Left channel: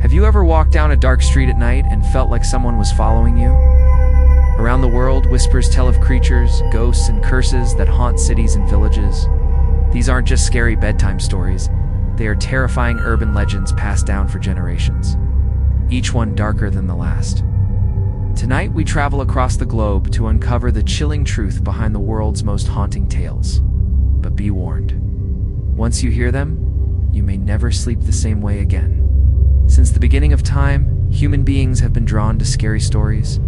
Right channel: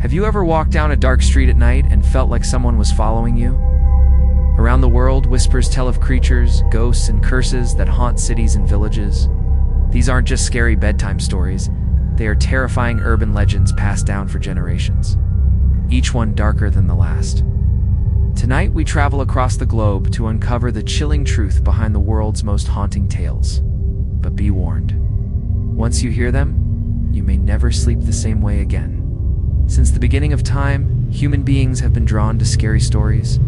Have you ever walked down a dark street at night and felt like someone was following you? Around the world, whispers tell of creatures, ghosts, and curses that haunt cities and villages. These aren't just scary bedtime stories, they are terrifying urban legends passed down for generations, each one darker than the last. Tonight, we travel across the globe to uncover the chilling truth behind the world's most haunting tales. But be warned, once you hear them, you may never sleep the same way again. Since the beginning of time, human beings have been drawn to scary stories.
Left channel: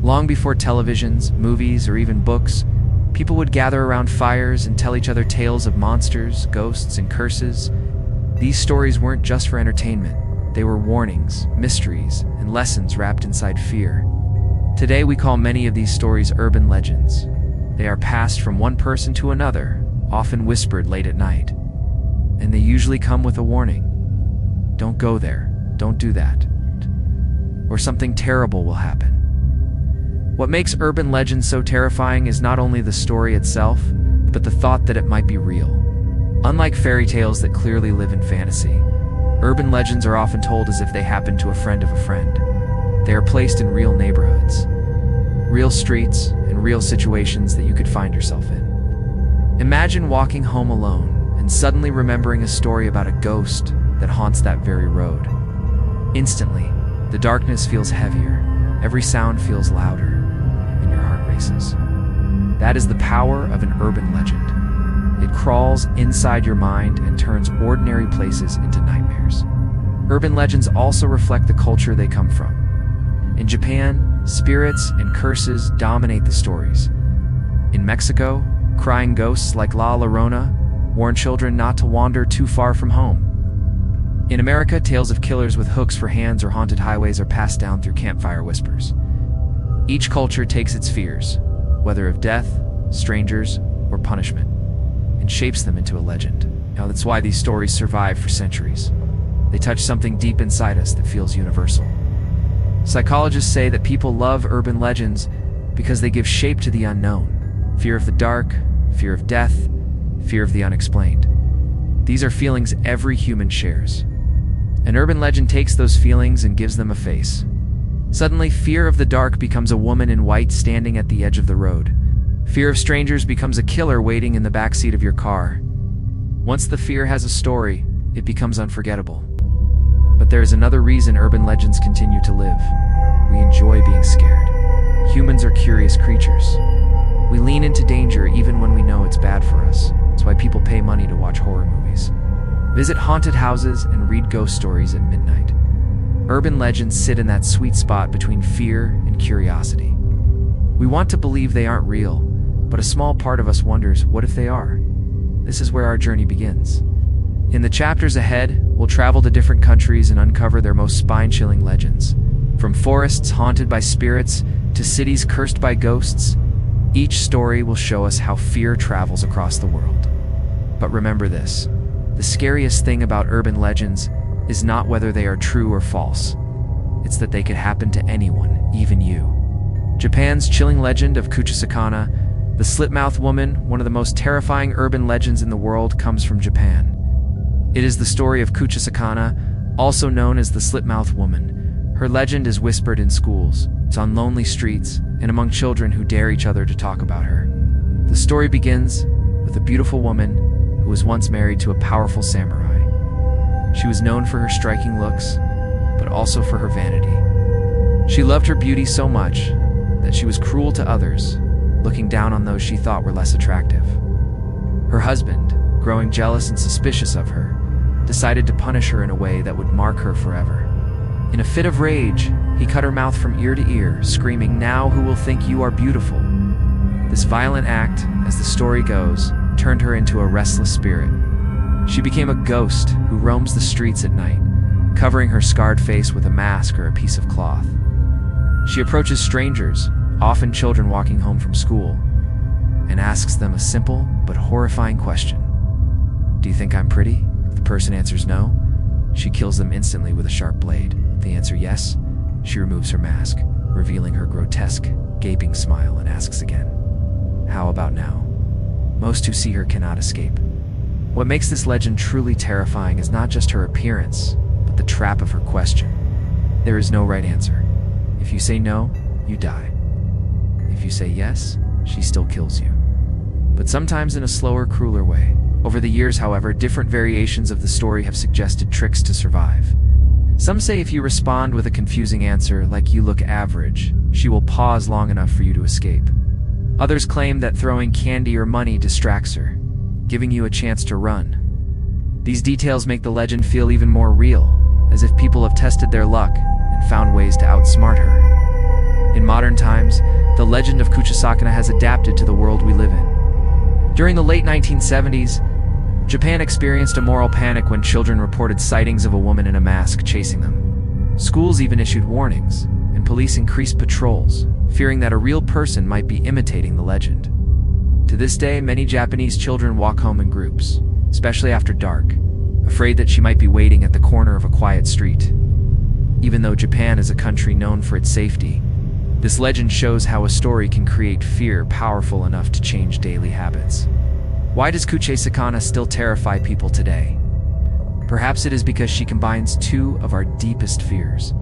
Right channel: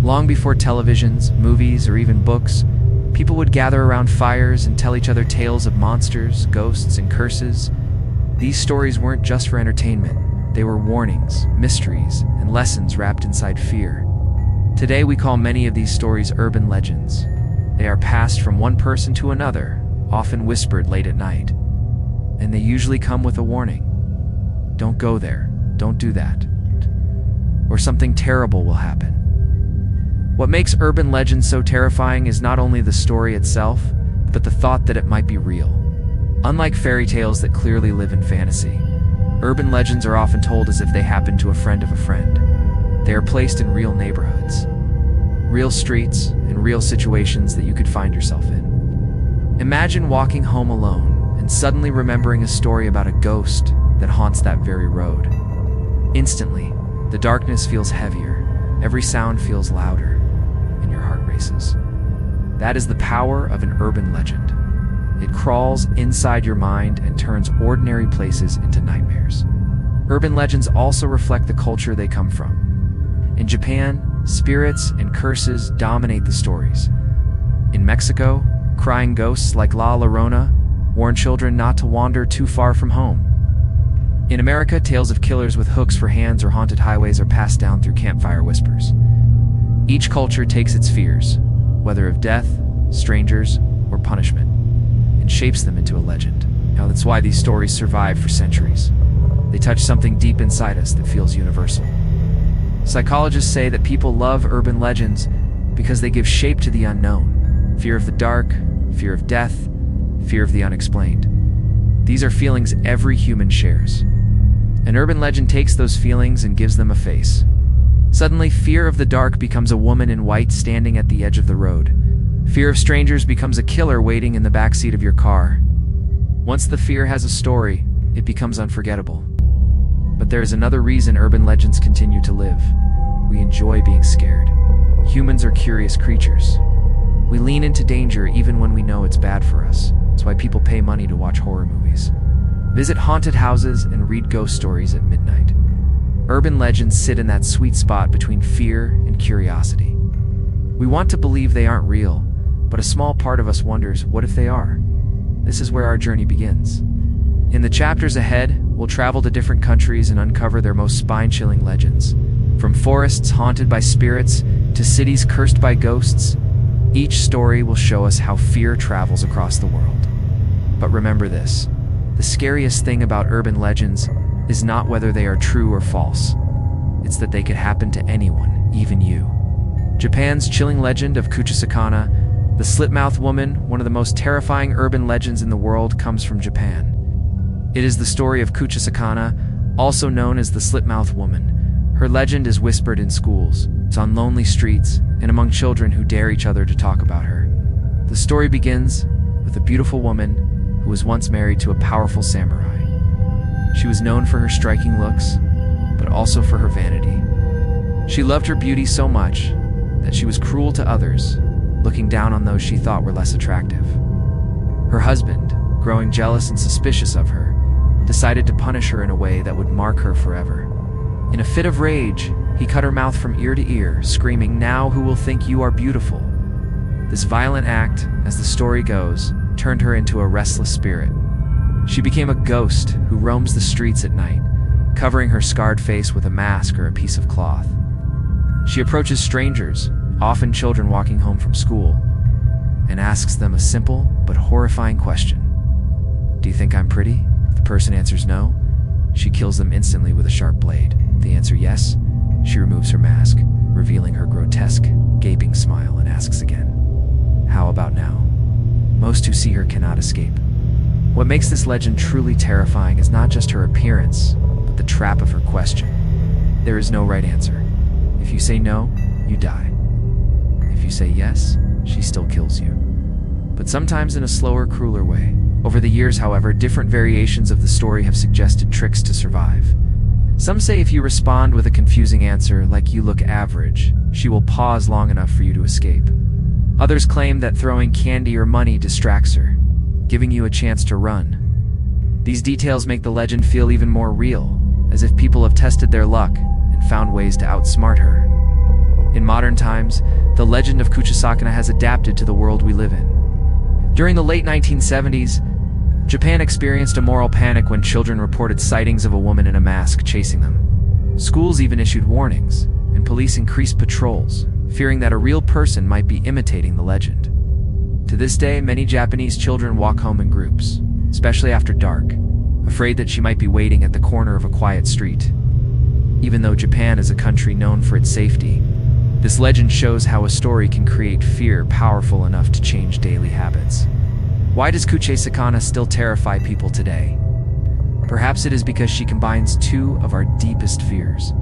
Long before televisions, movies, or even books, people would gather around fires and tell each other tales of monsters, ghosts, and curses. These stories weren't just for entertainment. They were warnings, mysteries, and lessons wrapped inside fear. Today, we call many of these stories urban legends. They are passed from one person to another, often whispered late at night. And they usually come with a warning. Don't go there, don't do that, or something terrible will happen. What makes urban legends so terrifying is not only the story itself, but the thought that it might be real. Unlike fairy tales that clearly live in fantasy, urban legends are often told as if they happened to a friend of a friend. They are placed in real neighborhoods, real streets, and real situations that you could find yourself in. Imagine walking home alone and suddenly remembering a story about a ghost that haunts that very road. Instantly, the darkness feels heavier, every sound feels louder, and your heart races. That is the power of an urban legend. It crawls inside your mind and turns ordinary places into nightmares. Urban legends also reflect the culture they come from. In Japan, spirits and curses dominate the stories. In Mexico, crying ghosts like La Llorona warn children not to wander too far from home. In America, tales of killers with hooks for hands or haunted highways are passed down through campfire whispers. Each culture takes its fears, whether of death, strangers, or punishment, and shapes them into a legend. Now, that's why these stories survive for centuries. They touch something deep inside us that feels universal. Psychologists say that people love urban legends because they give shape to the unknown. Fear of the dark, fear of death, fear of the unexplained. These are feelings every human shares. An urban legend takes those feelings and gives them a face. Suddenly, fear of the dark becomes a woman in white standing at the edge of the road. Fear of strangers becomes a killer waiting in the backseat of your car. Once the fear has a story, it becomes unforgettable. But there is another reason urban legends continue to live. We enjoy being scared. Humans are curious creatures. We lean into danger even when we know it's bad for us. That's why people pay money to watch horror movies, visit haunted houses, and read ghost stories at midnight. Urban legends sit in that sweet spot between fear and curiosity. We want to believe they aren't real, but a small part of us wonders, what if they are? This is where our journey begins. In the chapters ahead, we'll travel to different countries and uncover their most spine-chilling legends. From forests haunted by spirits to cities cursed by ghosts, each story will show us how fear travels across the world. But remember this, the scariest thing about urban legends is not whether they are true or false. It's that they could happen to anyone, even you. Japan's chilling legend of Kuchisake-onna, the Slit-Mouthed Woman, one of the most terrifying urban legends in the world, comes from Japan. It is the story of Kuchisake-onna, also known as the Slit-Mouthed Woman. Her legend is whispered in schools, it's on lonely streets, and among children who dare each other to talk about her. The story begins with a beautiful woman who was once married to a powerful samurai. She was known for her striking looks, but also for her vanity. She loved her beauty so much that she was cruel to others, looking down on those she thought were less attractive. Her husband, growing jealous and suspicious of her, decided to punish her in a way that would mark her forever. In a fit of rage, he cut her mouth from ear to ear, screaming, "Now who will think you are beautiful?" This violent act, as the story goes, turned her into a restless spirit. She became a ghost who roams the streets at night, covering her scarred face with a mask or a piece of cloth. She approaches strangers, often children walking home from school, and asks them a simple but horrifying question. "Do you think I'm pretty?" If the person answers no, she kills them instantly with a sharp blade. If they answer yes, she removes her mask, revealing her grotesque, gaping smile, and asks again, "How about now?" Most who see her cannot escape. What makes this legend truly terrifying is not just her appearance, but the trap of her question. There is no right answer. If you say no, you die. If you say yes, she still kills you. But sometimes in a slower, crueler way. Over the years, however, different variations of the story have suggested tricks to survive. Some say if you respond with a confusing answer, like "you look average," she will pause long enough for you to escape. Others claim that throwing candy or money distracts her, giving you a chance to run. These details make the legend feel even more real, as if people have tested their luck and found ways to outsmart her. In modern times, the legend of Kuchisake-onna has adapted to the world we live in. During the late 1970s, Japan experienced a moral panic when children reported sightings of a woman in a mask chasing them. Schools even issued warnings, and police increased patrols, fearing that a real person might be imitating the legend. To this day, many Japanese children walk home in groups, especially after dark, afraid that she might be waiting at the corner of a quiet street. Even though Japan is a country known for its safety, this legend shows how a story can create fear powerful enough to change daily habits. Why does Kuchisake-onna still terrify people today? Perhaps it is because she combines two of our deepest fears:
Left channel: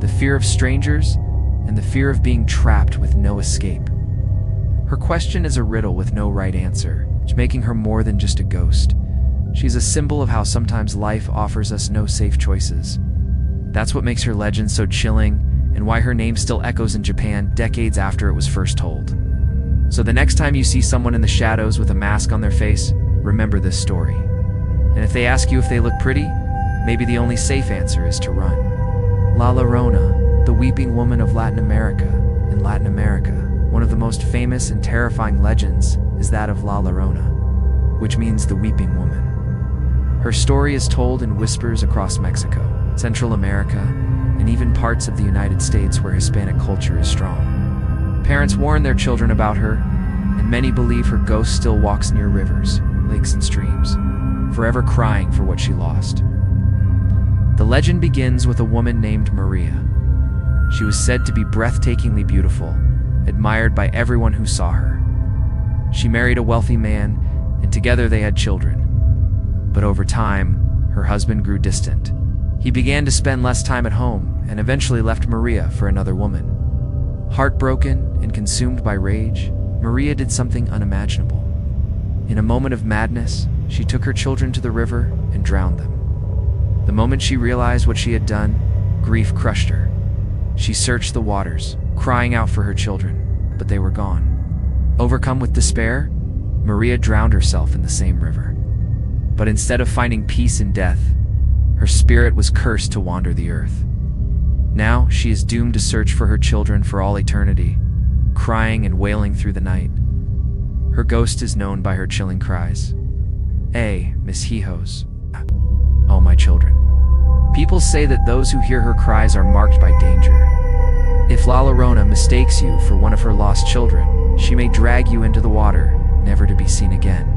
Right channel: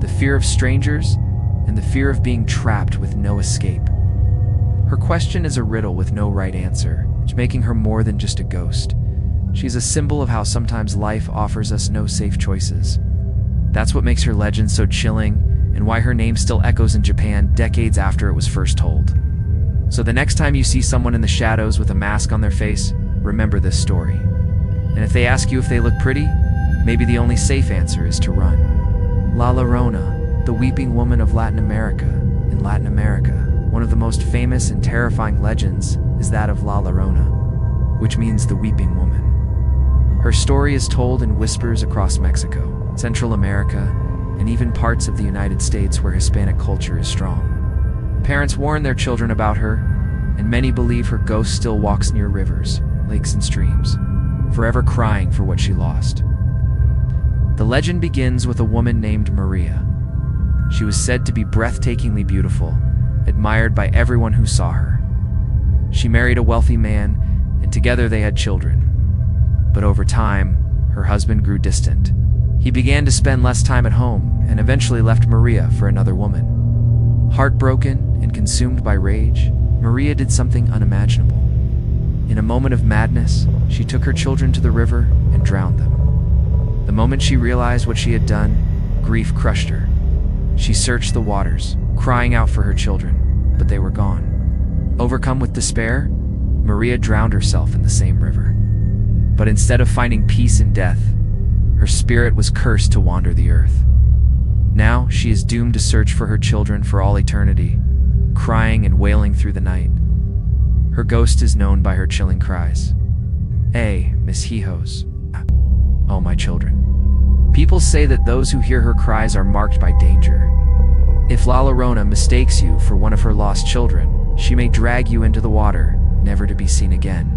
the fear of strangers and the fear of being trapped with no escape. Her question is a riddle with no right answer, making her more than just a ghost. She's a symbol of how sometimes life offers us no safe choices. That's what makes her legend so chilling, and why her name still echoes in Japan decades after it was first told. So the next time you see someone in the shadows with a mask on their face, remember this story. And if they ask you if they look pretty, maybe the only safe answer is to run. La Llorona, the weeping woman of Latin America. In Latin America, one of the most famous and terrifying legends is that of La Llorona, which means the weeping woman. Her story is told in whispers across Mexico, Central America, and even parts of the United States where Hispanic culture is strong. Parents warn their children about her, and many believe her ghost still walks near rivers, lakes, and streams, forever crying for what she lost. The legend begins with a woman named Maria. She was said to be breathtakingly beautiful, admired by everyone who saw her. She married a wealthy man, and together they had children. But over time, her husband grew distant. He began to spend less time at home and eventually left Maria for another woman. Heartbroken and consumed by rage, Maria did something unimaginable. In a moment of madness, she took her children to the river and drowned them. The moment she realized what she had done, grief crushed her. She searched the waters, crying out for her children, but they were gone. Overcome with despair, Maria drowned herself in the same river. But instead of finding peace in death, her spirit was cursed to wander the earth. Now she is doomed to search for her children for all eternity, crying and wailing through the night. Her ghost is known by her chilling cries. Mis hijos. Oh, my children. People say that those who hear her cries are marked by danger. If La Llorona mistakes you for one of her lost children, she may drag you into the water, never to be seen again.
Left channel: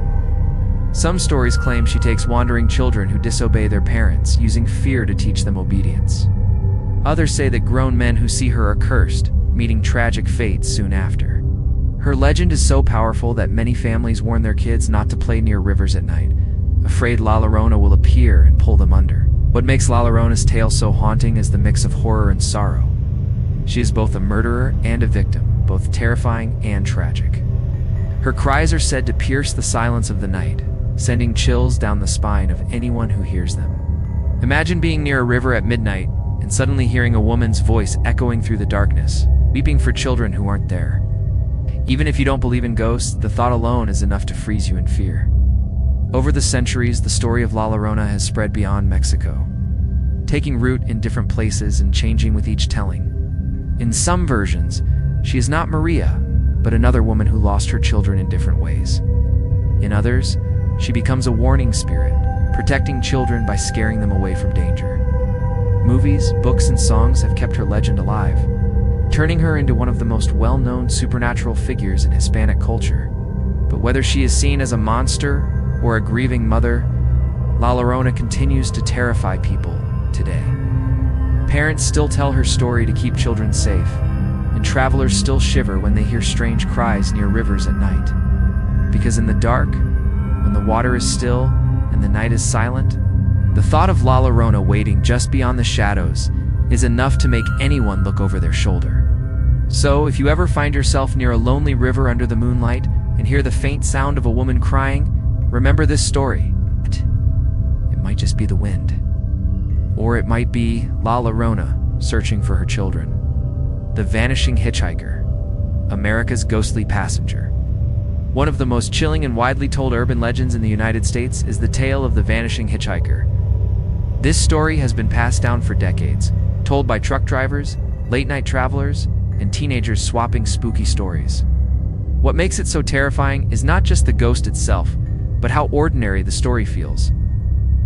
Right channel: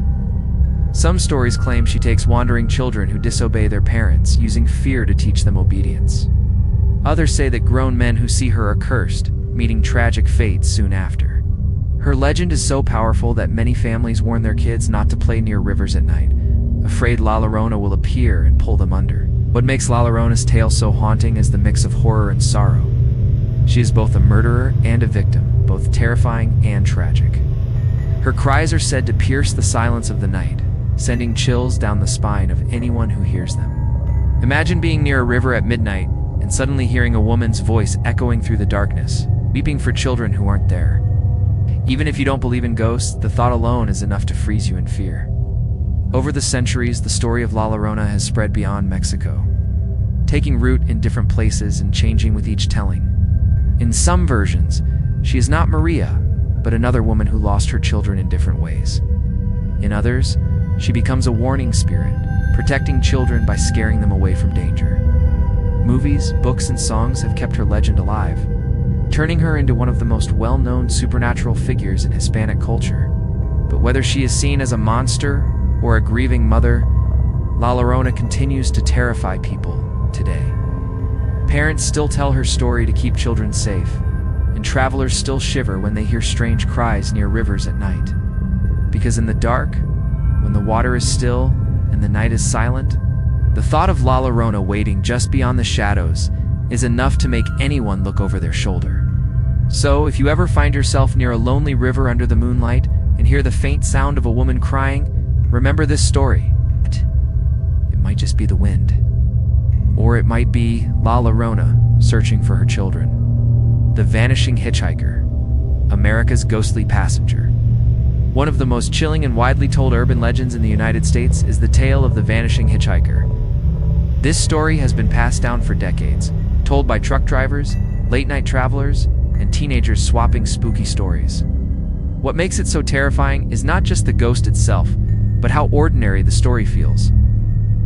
Some stories claim she takes wandering children who disobey their parents, using fear to teach them obedience. Others say that grown men who see her are cursed, meeting tragic fates soon after. Her legend is so powerful that many families warn their kids not to play near rivers at night, afraid La Llorona will appear and pull them under. What makes La Llorona's tale so haunting is the mix of horror and sorrow. She is both a murderer and a victim, both terrifying and tragic. Her cries are said to pierce the silence of the night, sending chills down the spine of anyone who hears them. Imagine being near a river at midnight and suddenly hearing a woman's voice echoing through the darkness, weeping for children who aren't there. Even if you don't believe in ghosts, the thought alone is enough to freeze you in fear. Over the centuries, the story of La Llorona has spread beyond Mexico, taking root in different places and changing with each telling. In some versions, she is not Maria, but another woman who lost her children in different ways. In others, she becomes a warning spirit, protecting children by scaring them away from danger. Movies, books, and songs have kept her legend alive, turning her into one of the most well-known supernatural figures in Hispanic culture. But whether she is seen as a monster or a grieving mother, La Llorona continues to terrify people today. Parents still tell her story to keep children safe, and travelers still shiver when they hear strange cries near rivers at night. Because in the dark, when the water is still and the night is silent, The thought of La Llorona waiting just beyond the shadows is enough to make anyone look over their shoulder. So, if you ever find yourself near a lonely river under the moonlight and hear the faint sound of a woman crying, remember this story. It might just be the wind. Or it might be La Llorona searching for her children. The vanishing hitchhiker, America's ghostly passenger. One of the most chilling and widely told urban legends in the United States is the tale of the vanishing hitchhiker. This story has been passed down for decades, told by truck drivers, late-night travelers, and teenagers swapping spooky stories. What makes it so terrifying is not just the ghost itself, but how ordinary the story feels.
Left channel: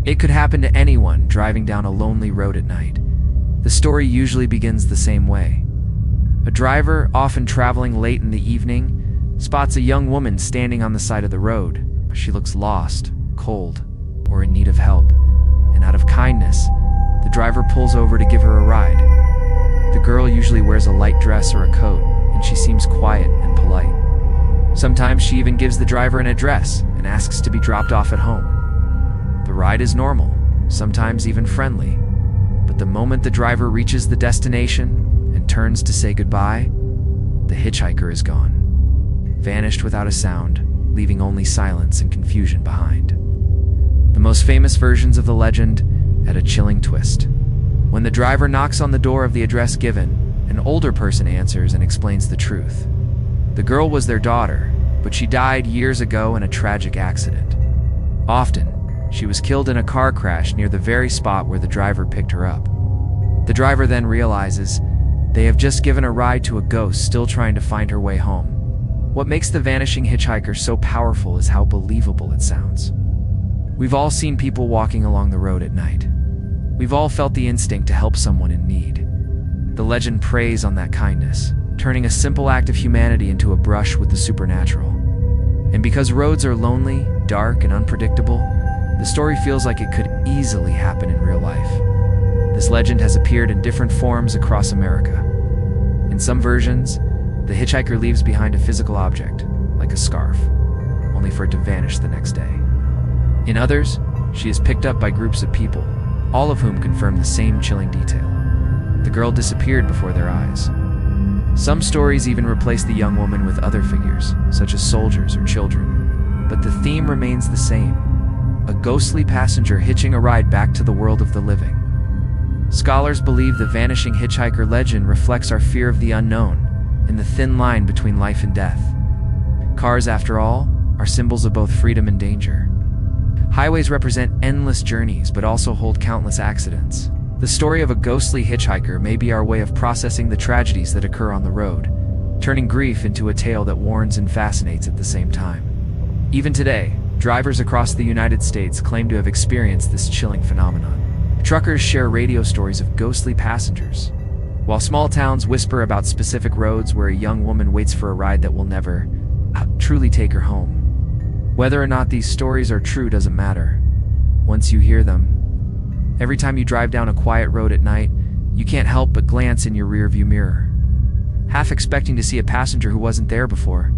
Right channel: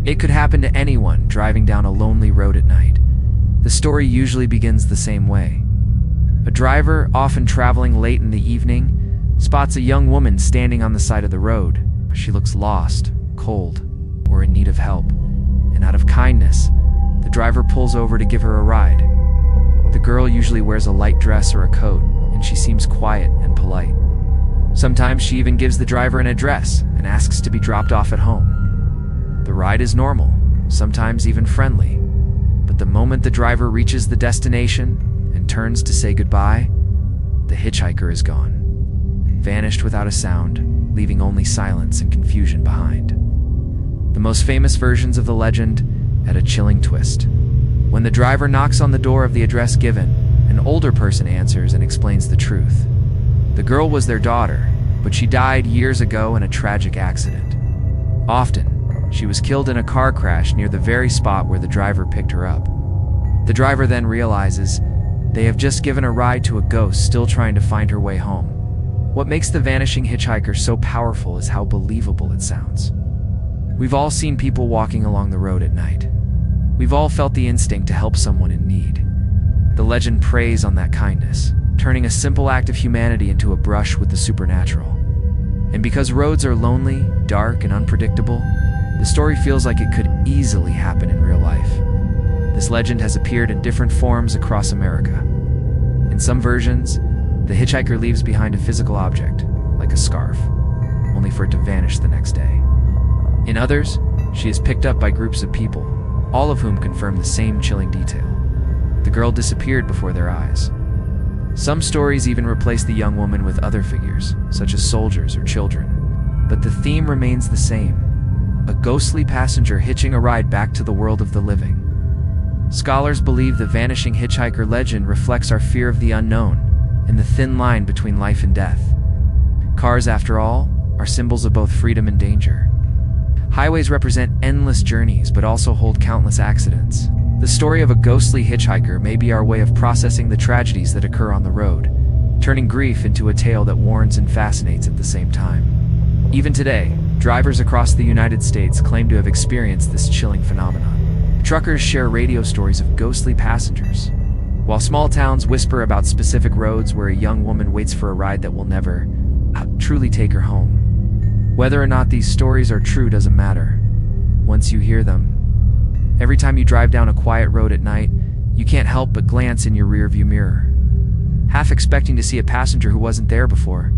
It could happen to anyone driving down a lonely road at night. The story usually begins the same way. A driver, often traveling late in the evening, spots a young woman standing on the side of the road. She looks lost, cold, or in need of help, and out of kindness, the driver pulls over to give her a ride. The girl usually wears a light dress or a coat, and she seems quiet and polite. Sometimes she even gives the driver an address and asks to be dropped off at home. The ride is normal, sometimes even friendly, but the moment the driver reaches the destination and turns to say goodbye, the hitchhiker is gone. Vanished without a sound, leaving only silence and confusion behind. The most famous versions of the legend add a chilling twist. When the driver knocks on the door of the address given, an older person answers and explains the truth. The girl was their daughter, but she died years ago in a tragic accident. Often, she was killed in a car crash near the very spot where the driver picked her up. The driver then realizes they have just given a ride to a ghost still trying to find her way home. What makes the vanishing hitchhiker so powerful is how believable it sounds. We've all seen people walking along the road at night. We've all felt the instinct to help someone in need. The legend preys on that kindness, turning a simple act of humanity into a brush with the supernatural. And because roads are lonely, dark, and unpredictable, the story feels like it could easily happen in real life. This legend has appeared in different forms across America. In some versions, the hitchhiker leaves behind a physical object, like a scarf, only for it to vanish the next day. In others, she is picked up by groups of people, all of whom confirm the same chilling detail. The girl disappeared before their eyes. Some stories even replace the young woman with other figures, such as soldiers or children. But the theme remains the same: a ghostly passenger hitching a ride back to the world of the living. Scholars believe the vanishing hitchhiker legend reflects our fear of the unknown and the thin line between life and death. Cars, after all, are symbols of both freedom and danger. Highways represent endless journeys, but also hold countless accidents. The story of a ghostly hitchhiker may be our way of processing the tragedies that occur on the road, turning grief into a tale that warns and fascinates at the same time. Even today, drivers across the United States claim to have experienced this chilling phenomenon. Truckers share radio stories of ghostly passengers, while small towns whisper about specific roads where a young woman waits for a ride that will never truly take her home. Whether or not these stories are true doesn't matter. Once you hear them, every time you drive down a quiet road at night, you can't help but glance in your rearview mirror, half expecting to see a passenger who wasn't there before.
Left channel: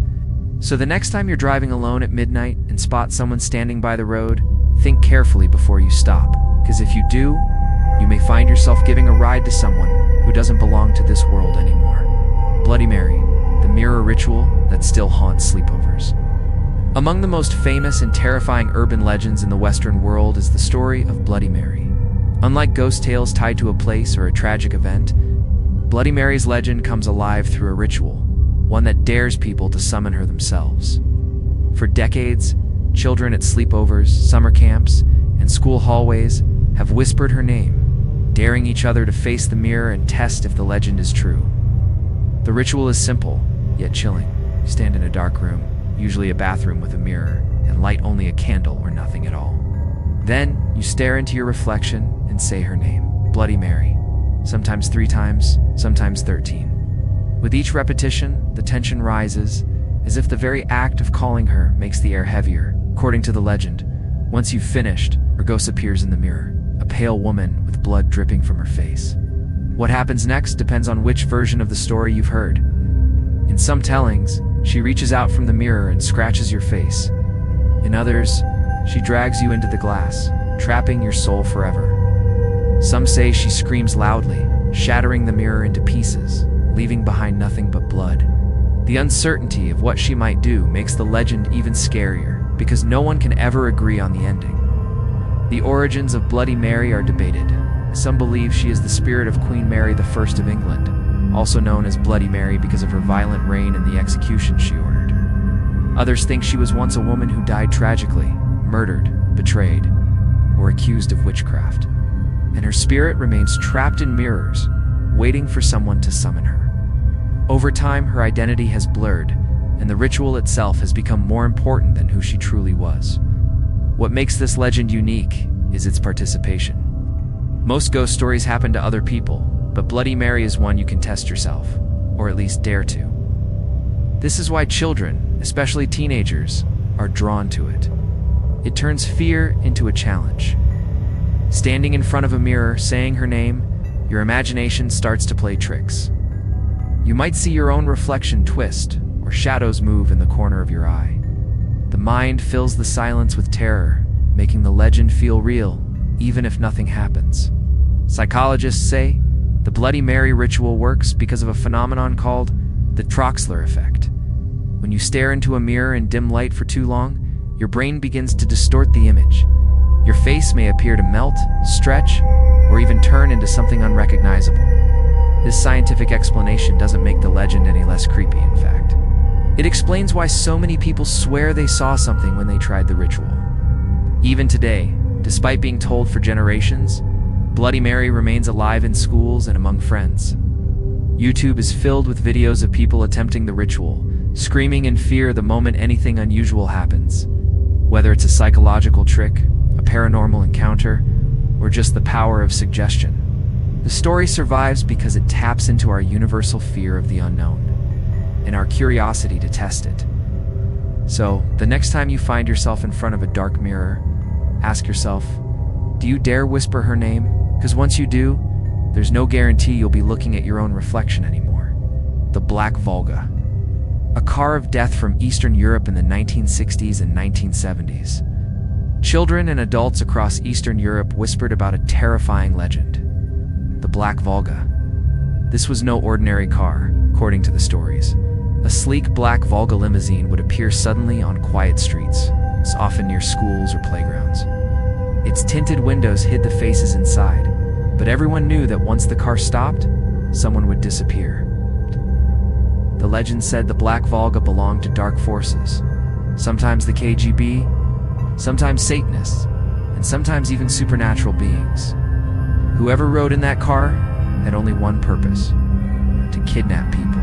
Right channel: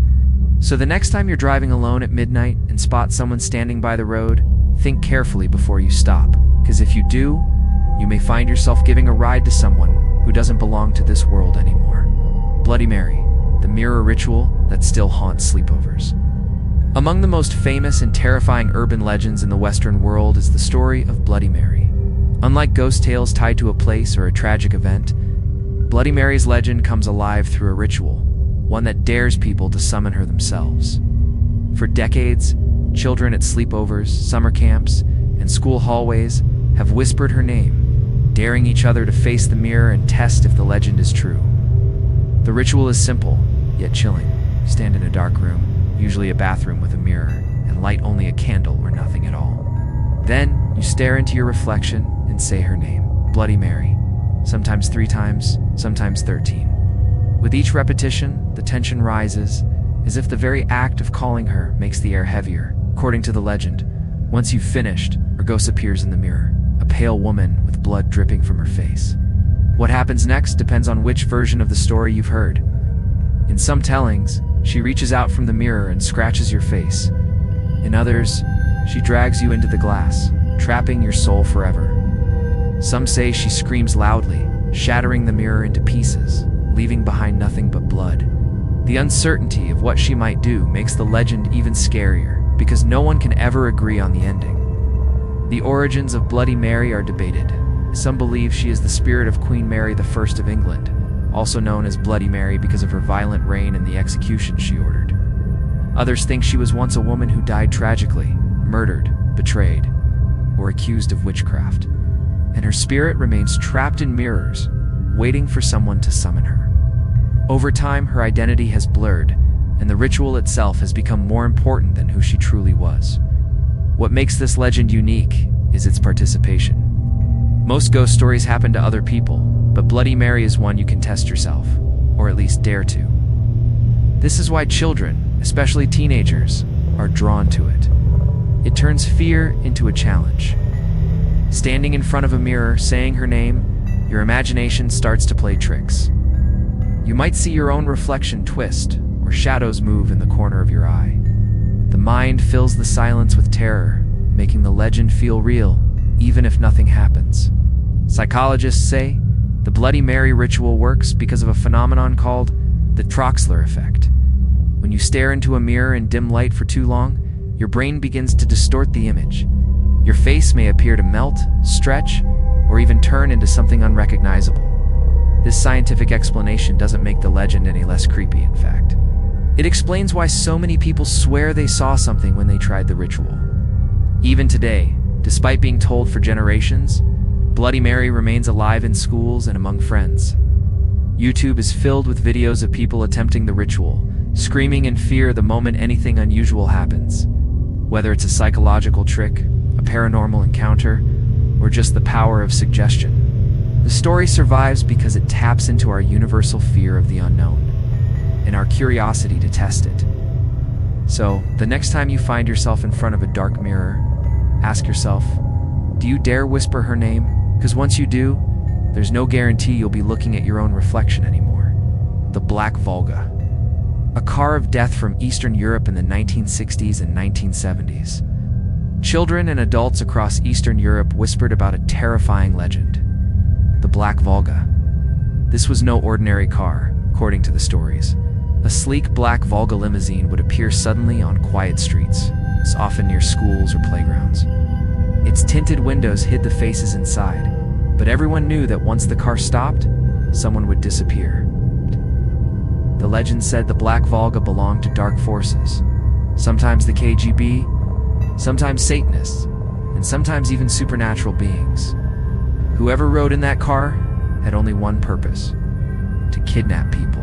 So the next time you're driving alone at midnight and spot someone standing by the road, think carefully before you stop, because if you do, you may find yourself giving a ride to someone who doesn't belong to this world anymore. Bloody Mary, the mirror ritual that still haunts sleepovers. Among the most famous and terrifying urban legends in the Western world is the story of Bloody Mary. Unlike ghost tales tied to a place or a tragic event, Bloody Mary's legend comes alive through a ritual, one that dares people to summon her themselves. For decades, children at sleepovers, summer camps, and school hallways have whispered her name, daring each other to face the mirror and test if the legend is true. The ritual is simple, yet chilling. You stand in a dark room, usually a bathroom with a mirror, and light only a candle or nothing at all. Then, you stare into your reflection and say her name, Bloody Mary, sometimes 3 times, sometimes 13. With each repetition, the tension rises, as if the very act of calling her makes the air heavier. According to the legend, once you've finished, her ghost appears in the mirror, a pale woman with blood dripping from her face. What happens next depends on which version of the story you've heard. In some tellings, she reaches out from the mirror and scratches your face. In others, she drags you into the glass, trapping your soul forever. Some say she screams loudly, shattering the mirror into pieces, leaving behind nothing but blood. The uncertainty of what she might do makes the legend even scarier, because no one can ever agree on the ending. The origins of Bloody Mary are debated. Some believe she is the spirit of Queen Mary I of England, also known as Bloody Mary because of her violent reign and the execution she ordered. Others think she was once a woman who died tragically, murdered, betrayed, or accused of witchcraft, and her spirit remains trapped in mirrors, waiting for someone to summon her. Over time, her identity has blurred, and the ritual itself has become more important than who she truly was. What makes this legend unique is its participation. Most ghost stories happen to other people, but Bloody Mary is one you can test yourself, or at least dare to. This is why children, especially teenagers, are drawn to it. It turns fear into a challenge. Standing in front of a mirror, saying her name, your imagination starts to play tricks. You might see your own reflection twist, or shadows move in the corner of your eye. The mind fills the silence with terror, making the legend feel real, even if nothing happens. Psychologists say the Bloody Mary ritual works because of a phenomenon called the Troxler effect. When you stare into a mirror in dim light for too long, your brain begins to distort the image. Your face may appear to melt, stretch, or even turn into something unrecognizable. This scientific explanation doesn't make the legend any less creepy, in fact. It explains why so many people swear they saw something when they tried the ritual. Even today, despite being told for generations, Bloody Mary remains alive in schools and among friends. YouTube is filled with videos of people attempting the ritual, screaming in fear the moment anything unusual happens. Whether it's a psychological trick, a paranormal encounter, or just the power of suggestion. The story survives because it taps into our universal fear of the unknown, and our curiosity to test it. So, the next time you find yourself in front of a dark mirror, ask yourself, do you dare whisper her name? Because once you do, there's no guarantee you'll be looking at your own reflection anymore. The Black Volga. A car of death from Eastern Europe in the 1960s and 1970s. Children and adults across Eastern Europe whispered about a terrifying legend. The Black Volga. This was no ordinary car, according to the stories. A sleek black Volga limousine would appear suddenly on quiet streets, often near schools or playgrounds. Its tinted windows hid the faces inside, but everyone knew that once the car stopped, someone would disappear. The legend said the Black Volga belonged to dark forces, sometimes the KGB, sometimes Satanists, and sometimes even supernatural beings. Whoever rode in that car had only one purpose: to kidnap people.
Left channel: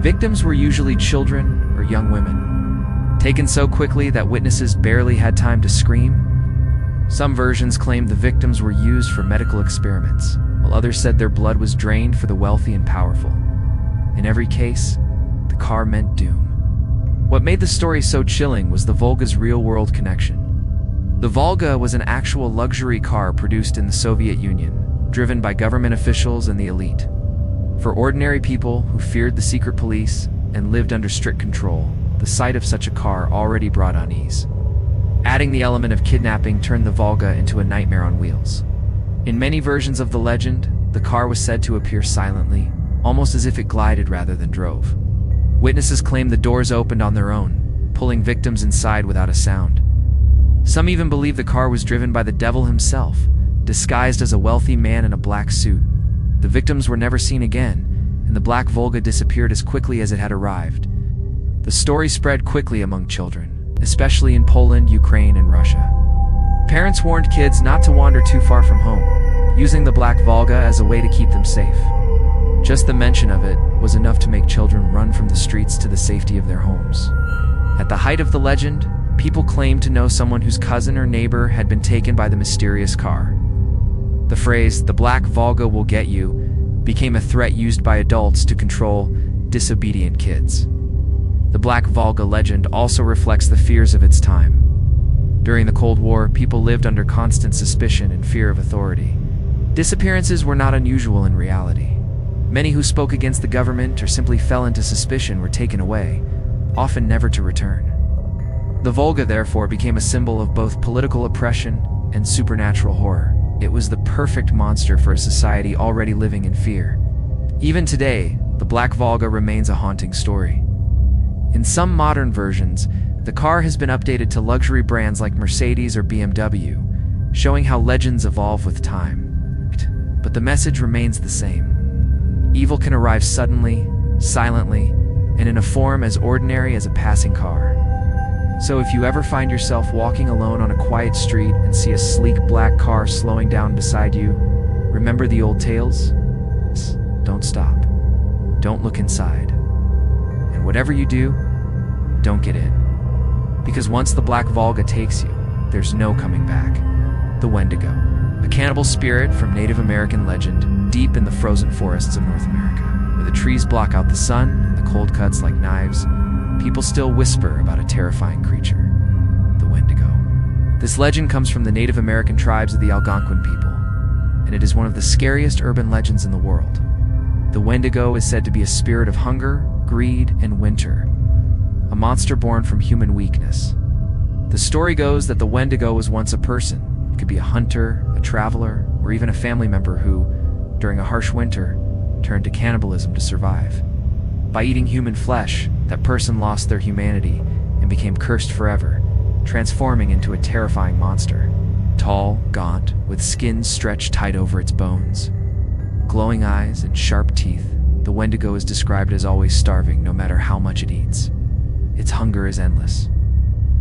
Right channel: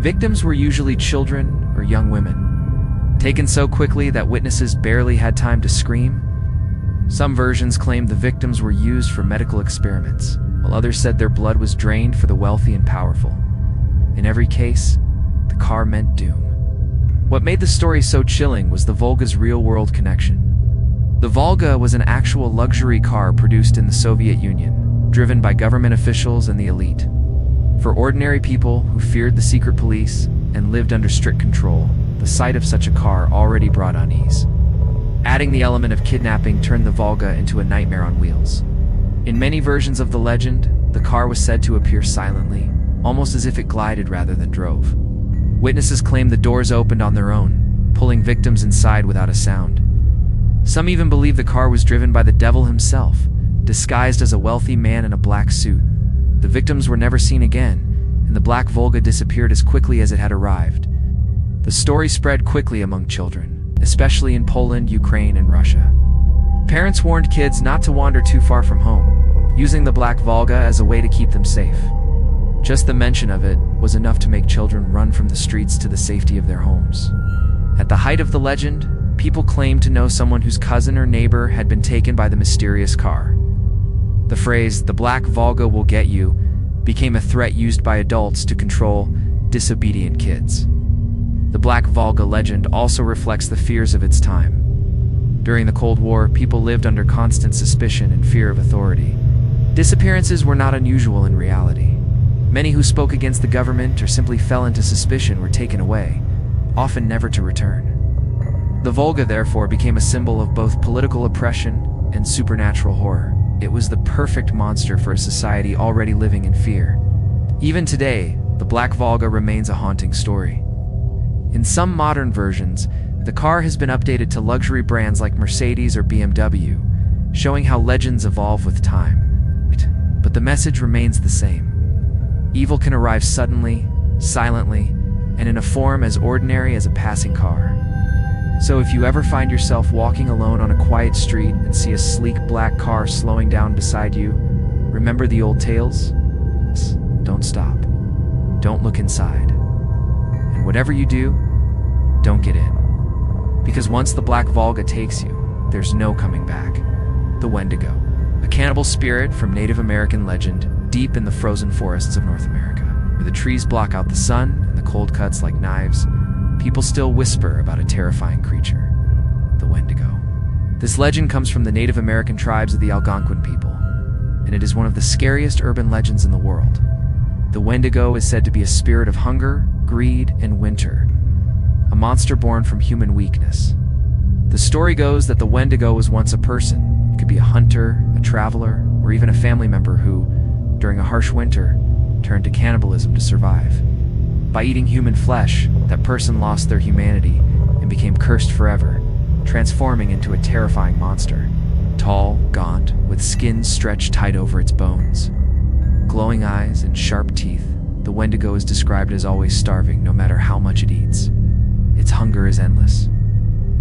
Victims were usually children or young women, taken so quickly that witnesses barely had time to scream. Some versions claimed the victims were used for medical experiments, while others said their blood was drained for the wealthy and powerful. In every case, the car meant doom. What made the story so chilling was the Volga's real-world connection. The Volga was an actual luxury car produced in the Soviet Union, driven by government officials and the elite. For ordinary people who feared the secret police and lived under strict control, the sight of such a car already brought unease. Adding the element of kidnapping turned the Volga into a nightmare on wheels. In many versions of the legend, the car was said to appear silently, almost as if it glided rather than drove. Witnesses claimed the doors opened on their own, pulling victims inside without a sound. Some even believe the car was driven by the devil himself, disguised as a wealthy man in a black suit. The victims were never seen again, and the Black Volga disappeared as quickly as it had arrived. The story spread quickly among children, especially in Poland, Ukraine, and Russia. Parents warned kids not to wander too far from home, using the Black Volga as a way to keep them safe. Just the mention of it was enough to make children run from the streets to the safety of their homes. At the height of the legend, people claimed to know someone whose cousin or neighbor had been taken by the mysterious car. The phrase, "the Black Volga will get you," became a threat used by adults to control disobedient kids. The Black Volga legend also reflects the fears of its time. During the Cold War, people lived under constant suspicion and fear of authority. Disappearances were not unusual in reality. Many who spoke against the government or simply fell into suspicion were taken away, often never to return. The Volga therefore became a symbol of both political oppression and supernatural horror. It was the perfect monster for a society already living in fear. Even today, the Black Volga remains a haunting story. In some modern versions, the car has been updated to luxury brands like Mercedes or BMW, showing how legends evolve with time. But the message remains the same. Evil can arrive suddenly, silently, and in a form as ordinary as a passing car. So if you ever find yourself walking alone on a quiet street and see a sleek black car slowing down beside you, remember the old tales? Don't stop. Don't look inside. And whatever you do, don't get in. Because once the Black Volga takes you, there's no coming back. The Wendigo, a cannibal spirit from Native American legend, deep in the frozen forests of North America, where the trees block out the sun and the cold cuts like knives, people still whisper about a terrifying creature, the Wendigo. This legend comes from the Native American tribes of the Algonquin people, and it is one of the scariest urban legends in the world. The Wendigo is said to be a spirit of hunger, greed, and winter, a monster born from human weakness. The story goes that the Wendigo was once a person. It could be a hunter, a traveler, or even a family member who, during a harsh winter, turned to cannibalism to survive. By eating human flesh, that person lost their humanity and became cursed forever, transforming into a terrifying monster. Tall, gaunt, with skin stretched tight over its bones, glowing eyes and sharp teeth, the Wendigo is described as always starving no matter how much it eats. Its hunger is endless.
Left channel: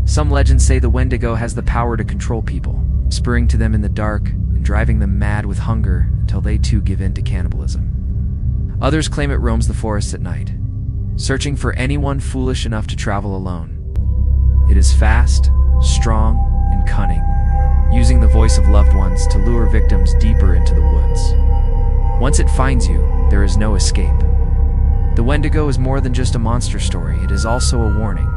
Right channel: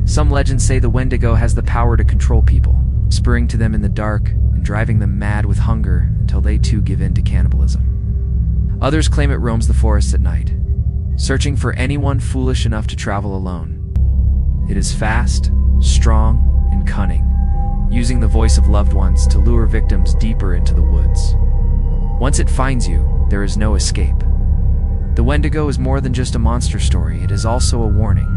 Some legends say the Wendigo has the power to control people, spurring to them in the dark and driving them mad with hunger until they too give in to cannibalism. Others claim it roams the forests at night, searching for anyone foolish enough to travel alone. It is fast, strong, and cunning, using the voice of loved ones to lure victims deeper into the woods. Once it finds you, there is no escape. The Wendigo is more than just a monster story, it is also a warning.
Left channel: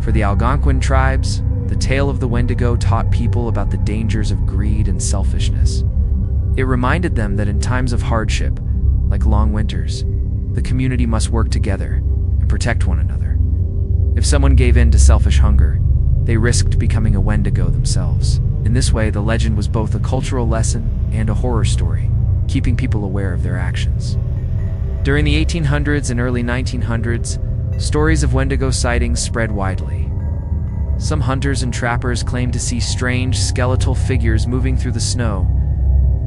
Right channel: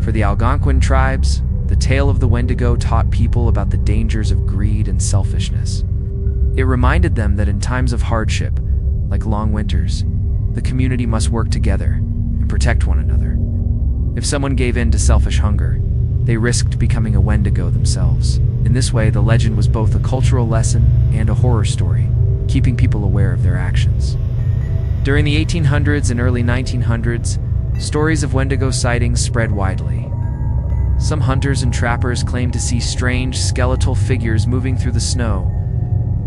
For the Algonquin tribes, the tale of the Wendigo taught people about the dangers of greed and selfishness. It reminded them that in times of hardship, like long winters, the community must work together and protect one another. If someone gave in to selfish hunger, they risked becoming a Wendigo themselves. In this way, the legend was both a cultural lesson and a horror story, keeping people aware of their actions. During the 1800s and early 1900s, stories of Wendigo sightings spread widely. Some hunters and trappers claimed to see strange, skeletal figures moving through the snow.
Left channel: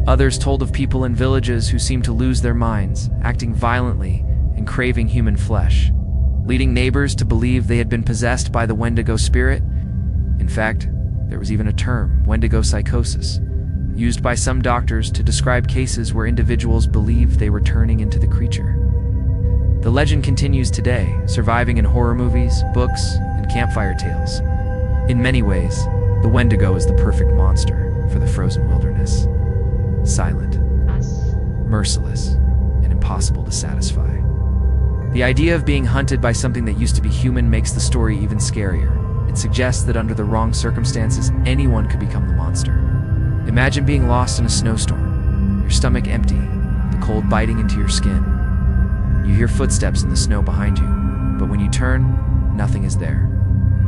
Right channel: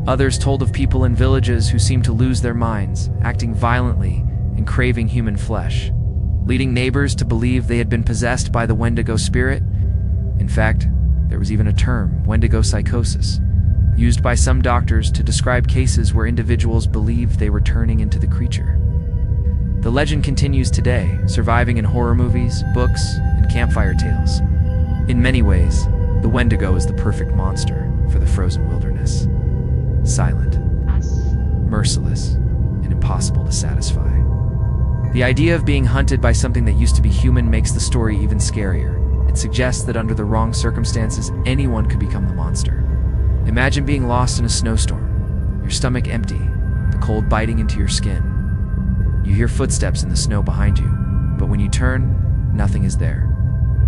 Others told of people in villages who seemed to lose their minds, acting violently and craving human flesh, leading neighbors to believe they had been possessed by the Wendigo spirit. In fact, there was even a term, Wendigo psychosis, used by some doctors to describe cases where individuals believed they were turning into the creature. The legend continues today, surviving in horror movies, books, and campfire tales. In many ways, the Wendigo is the perfect monster for the frozen wilderness. Silent, merciless, and impossible to satisfy. The idea of being hunted by something that used to be human makes the story even scarier. It suggests that under the wrong circumstances, anyone could become the monster. Imagine being lost in a snowstorm, your stomach empty, the cold biting into your skin. You hear footsteps in the snow behind you, but when you turn, nothing is there.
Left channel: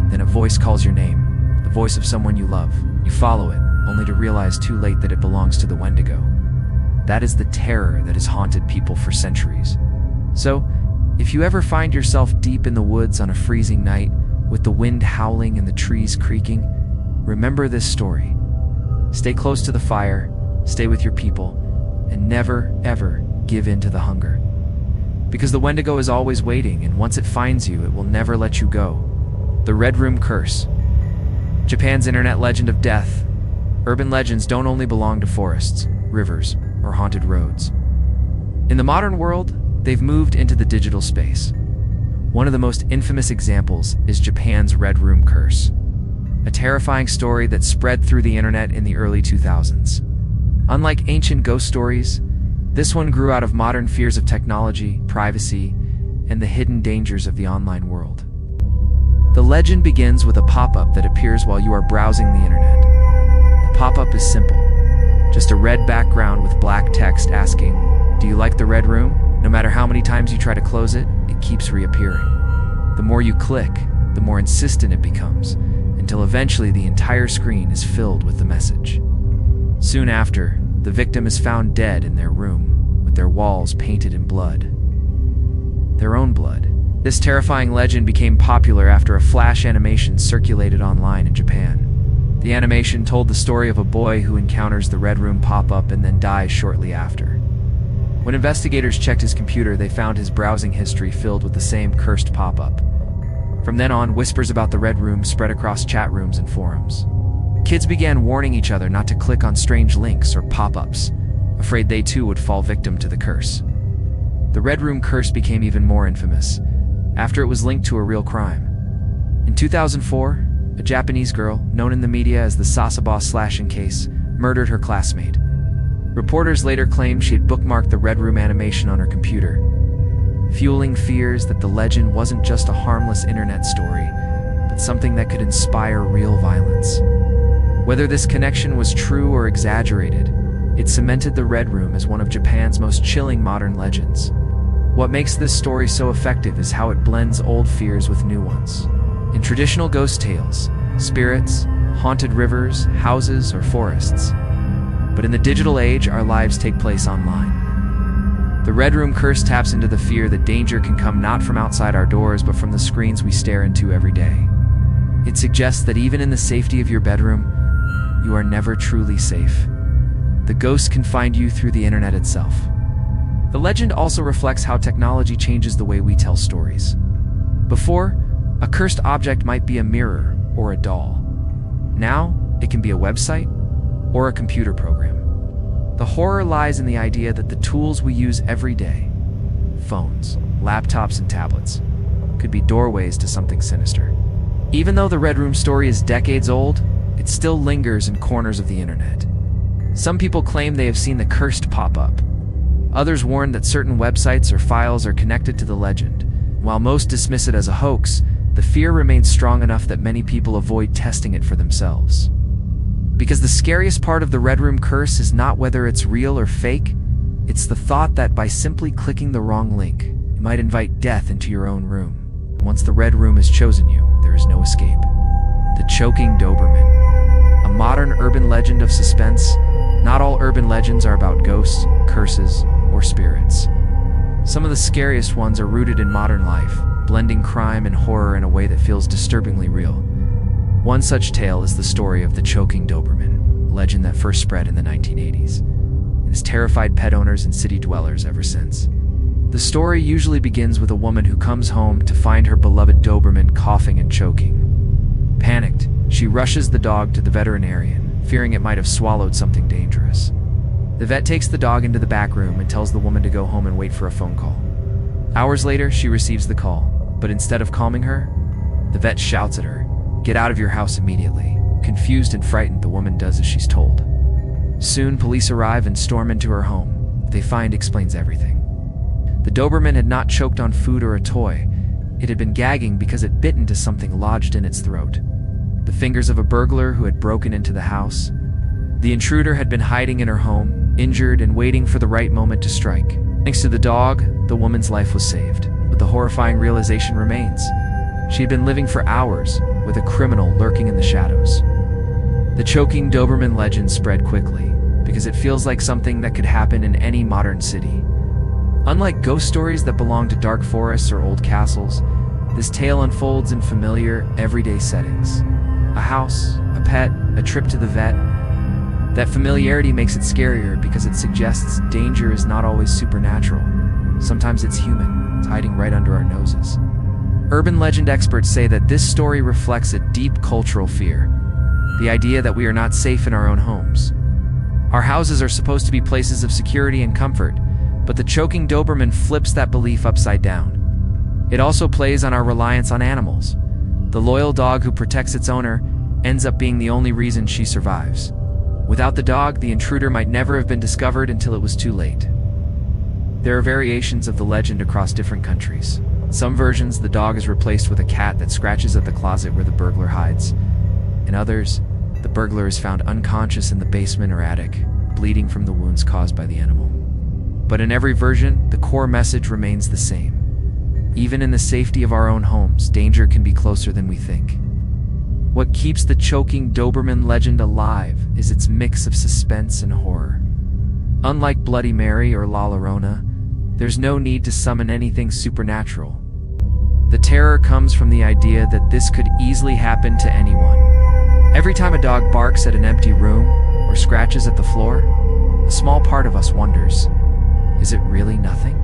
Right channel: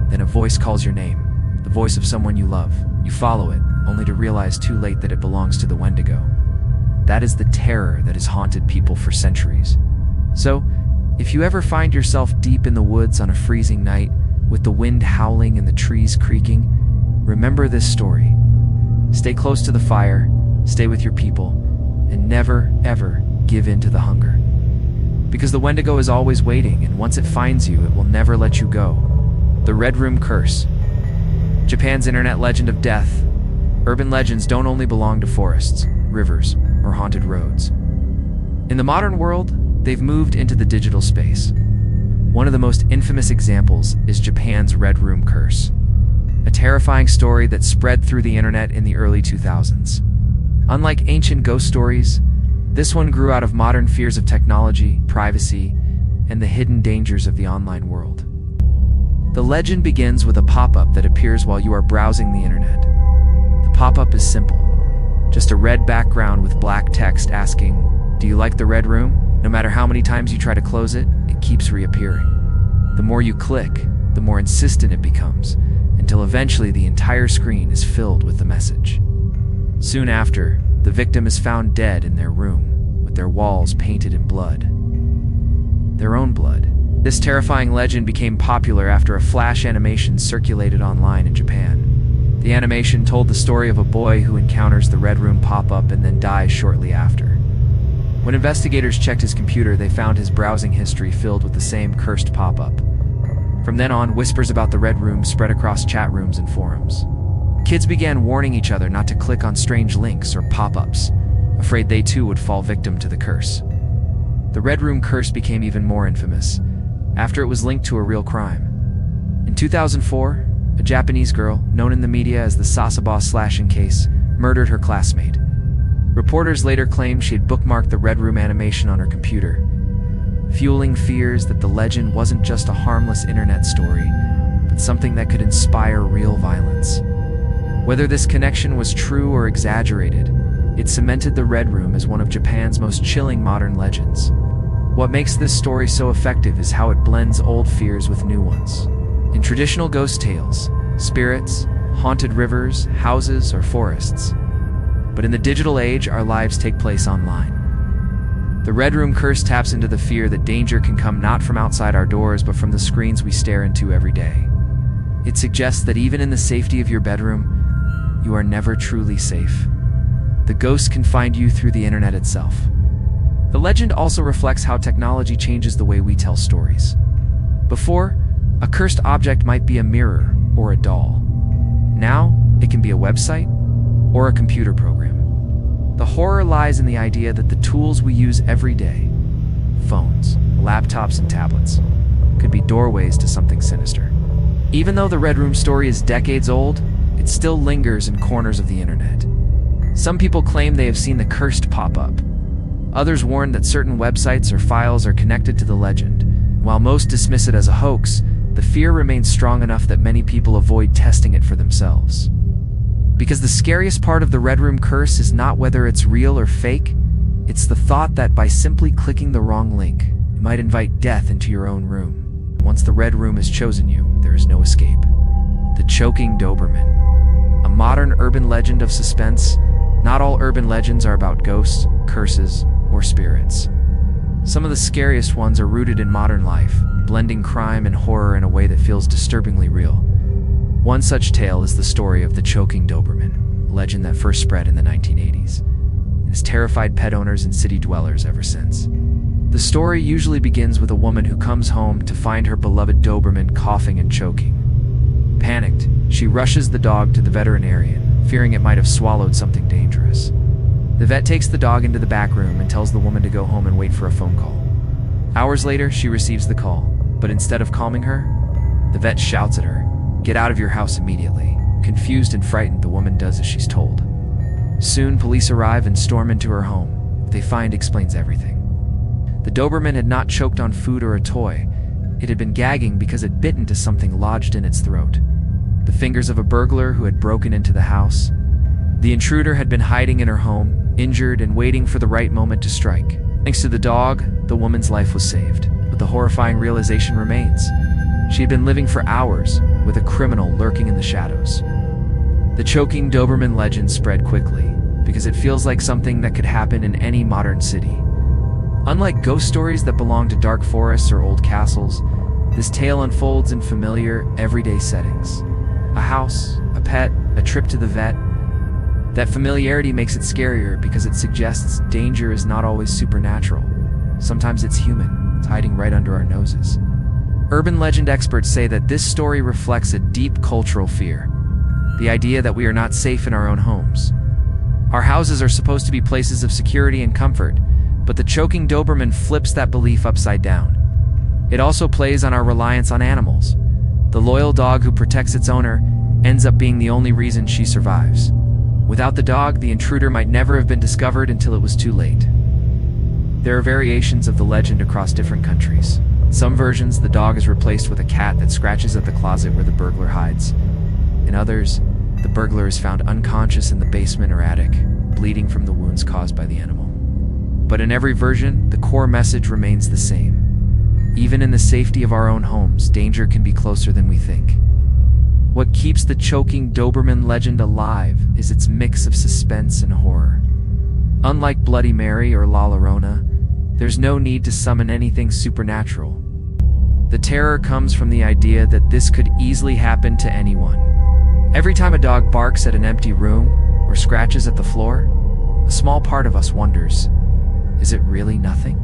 Then a voice calls your name, the voice of someone you love. You follow it, only to realize too late that it belongs to the Wendigo. That is the terror that has haunted people for centuries. So, if you ever find yourself deep in the woods on a freezing night, with the wind howling and the trees creaking, remember this story. Stay close to the fire, stay with your people, and never, ever give in to the hunger. Because the Wendigo is always waiting, and once it finds you, it will never let you go. The Red Room Curse. Japan's internet legend of death. Urban legends don't only belong to forests, rivers, or haunted roads. In the modern world, they've moved into the digital space. One of the most infamous examples is Japan's Red Room Curse, a terrifying story that spread through the internet in the early 2000s. Unlike ancient ghost stories, this one grew out of modern fears of technology, privacy, and the hidden dangers of the online world. The legend begins with a pop-up that appears while you are browsing the internet. The pop-up is simple, just a red background with black text asking, "Do you like the Red Room?" No matter how many times you try to close it, it keeps reappearing. The more you click, the more insistent it becomes, until eventually the entire screen is filled with the message. Soon after, the victim is found dead in their room, with their walls painted in blood. Their own blood. This terrifying legend became popular after a flash animation circulated online in Japan. The animation told the story of a boy who encounters the Red Room pop-up and then dies shortly after. When investigators checked his computer, they found his browsing history filled with the same cursed pop-up. From then on, whispers about the Red Room spread across chat rooms and forums. Kids began warning each other not to click on strange links or pop-ups, afraid they too would fall victim to the curse. The Red Room curse became even more infamous after it was linked to a real crime. In 2004, a Japanese girl, known in the media as the Sasaba slashing case, murdered her classmate. Reporters later claimed she had bookmarked the Red Room animation on her computer, fueling fears that the legend wasn't just a harmless internet story, but something that could inspire real violence. Whether this connection was true or exaggerated, it cemented the Red Room as one of Japan's most chilling modern legends. What makes this story so effective is how it blends old fears with new ones. In traditional ghost tales, spirits, haunted rivers, houses, or forests. But in the digital age, our lives take place online. The Red Room curse taps into the fear that danger can come not from outside our doors, but from the screens we stare into every day. It suggests that even in the safety of your bedroom, you are never truly safe. The ghost can find you through the internet itself. The legend also reflects how technology changes the way we tell stories. Before, a cursed object might be a mirror or a doll. Now, it can be a website or a computer program. The horror lies in the idea that the tools we use every day, phones, laptops, and tablets, could be doorways to something sinister. Even though the Red Room story is decades old, it still lingers in corners of the internet. Some people claim they have seen the cursed pop-up. Others warn that certain websites or files are connected to the legend. While most dismiss it as a hoax, the fear remains strong enough that many people avoid testing it for themselves. Because the scariest part of the Red Room curse is not whether it's real or fake, it's the thought that by simply clicking the wrong link, you might invite death into your own room. And once the Red Room has chosen you, there is no escape. The Choking Doberman. A modern urban legend of suspense. Not all urban legends are about ghosts, curses, or spirits. Some of the scariest ones are rooted in modern life, blending crime and horror in a way that feels disturbingly real. One such tale is the story of the Choking Doberman, a legend that first spread in the 1980s, and has terrified pet owners and city dwellers ever since. The story usually begins with a woman who comes home to find her beloved Doberman coughing and choking. Panicked, she rushes the dog to the veterinarian, fearing it might have swallowed something dangerous. The vet takes the dog into the back room and tells the woman to go home and wait for a phone call. Hours later, she receives the call, but instead of calming her, the vet shouts at her, "Get out of your house immediately." Confused and frightened, the woman does as she's told. Soon, police arrive and storm into her home. What they find explains everything. The Doberman had not choked on food or a toy. It had been gagging because it bit into something lodged in its throat. The fingers of a burglar who had broken into the house. The intruder had been hiding in her home, injured and waiting for the right moment to strike. Thanks to the dog, the woman's life was saved. But the horrifying realization remains. She had been living for hours with a criminal lurking in the shadows. The Choking Doberman legend spread quickly because it feels like something that could happen in any modern city. Unlike ghost stories that belong to dark forests or old castles, this tale unfolds in familiar, everyday settings. A house, a pet, a trip to the vet. That familiarity makes it scarier because it suggests danger is not always supernatural. Sometimes it's human. It's hiding right under our noses. Urban legend experts say that this story reflects a deep cultural fear. The idea that we are not safe in our own homes. Our houses are supposed to be places of security and comfort, but the Choking Doberman flips that belief upside down. It also plays on our reliance on animals. The loyal dog who protects its owner ends up being the only reason she survives. Without the dog, the intruder might never have been discovered until it was too late. There are variations of the legend across different countries. In some versions, the dog is replaced with a cat that scratches at the closet where the burglar hides. In others, the burglar is found unconscious in the basement or attic, bleeding from the wounds caused by the animal. But in every version, the core message remains the same. Even in the safety of our own homes, danger can be closer than we think. What keeps the choking Doberman legend alive is its mix of suspense and horror. Unlike Bloody Mary or La Llorona, there's no need to summon anything supernatural. The terror comes from the idea that this could easily happen to anyone. Every time a dog barks at an empty room or scratches at the floor, a small part of us wonders, is it really nothing?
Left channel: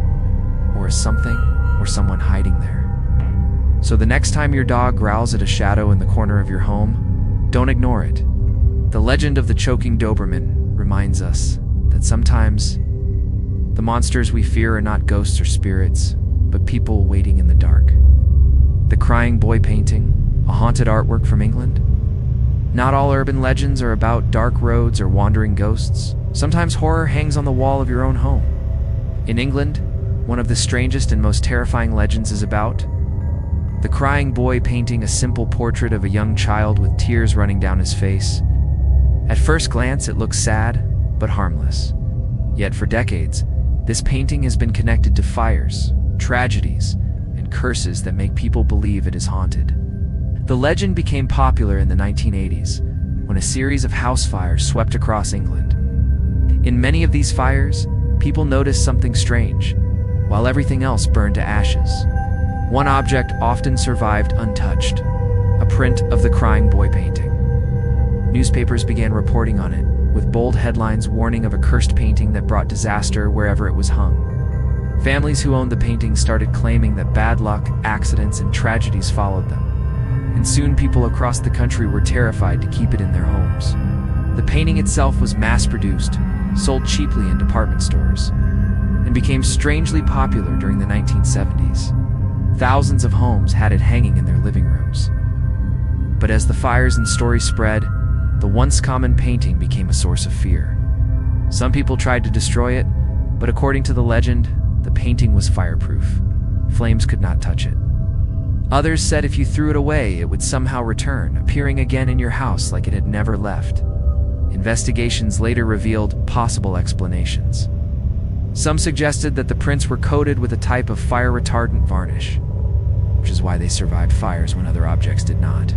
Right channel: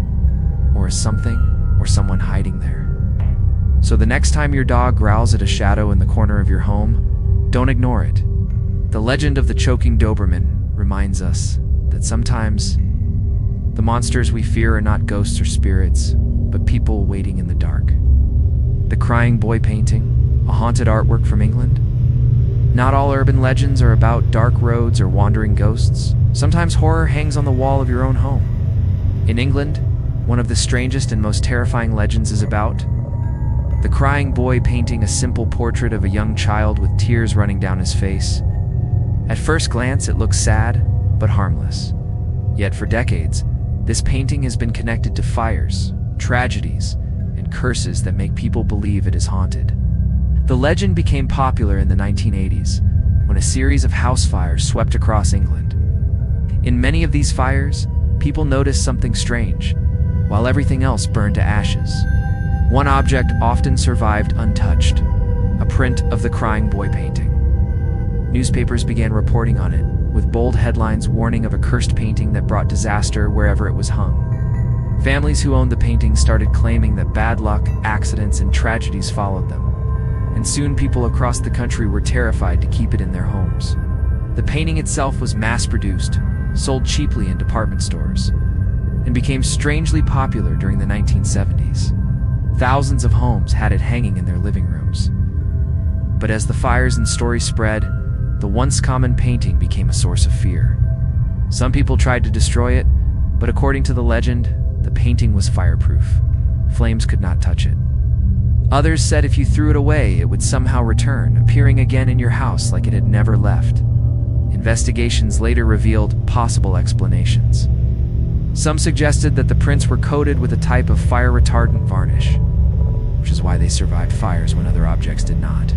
Or is something or someone hiding there? So the next time your dog growls at a shadow in the corner of your home, don't ignore it. The legend of the choking Doberman reminds us that sometimes the monsters we fear are not ghosts or spirits, but people waiting in the dark. The Crying Boy painting, a haunted artwork from England. Not all urban legends are about dark roads or wandering ghosts. Sometimes horror hangs on the wall of your own home. In England, one of the strangest and most terrifying legends is about the Crying Boy painting, a simple portrait of a young child with tears running down his face. At first glance, it looks sad, but harmless. Yet for decades, this painting has been connected to fires, tragedies, and curses that make people believe it is haunted. The legend became popular in the 1980s, when a series of house fires swept across England. In many of these fires, people noticed something strange, while everything else burned to ashes. One object often survived untouched, a print of the Crying Boy painting. Newspapers began reporting on it, with bold headlines warning of a cursed painting that brought disaster wherever it was hung. Families who owned the painting started claiming that bad luck, accidents, and tragedies followed them, and soon people across the country were terrified to keep it in their homes. The painting itself was mass-produced, sold cheaply in department stores, and became strangely popular during the 1970s. Thousands of homes had it hanging in their living rooms. But as the fires and stories spread, the once common painting became a source of fear. Some people tried to destroy it, but according to the legend, the painting was fireproof. Flames could not touch it. Others said if you threw it away, it would somehow return, appearing again in your house like it had never left. Investigations later revealed possible explanations. Some suggested that the prints were coated with a type of fire-retardant varnish, which is why they survived fires when other objects did not.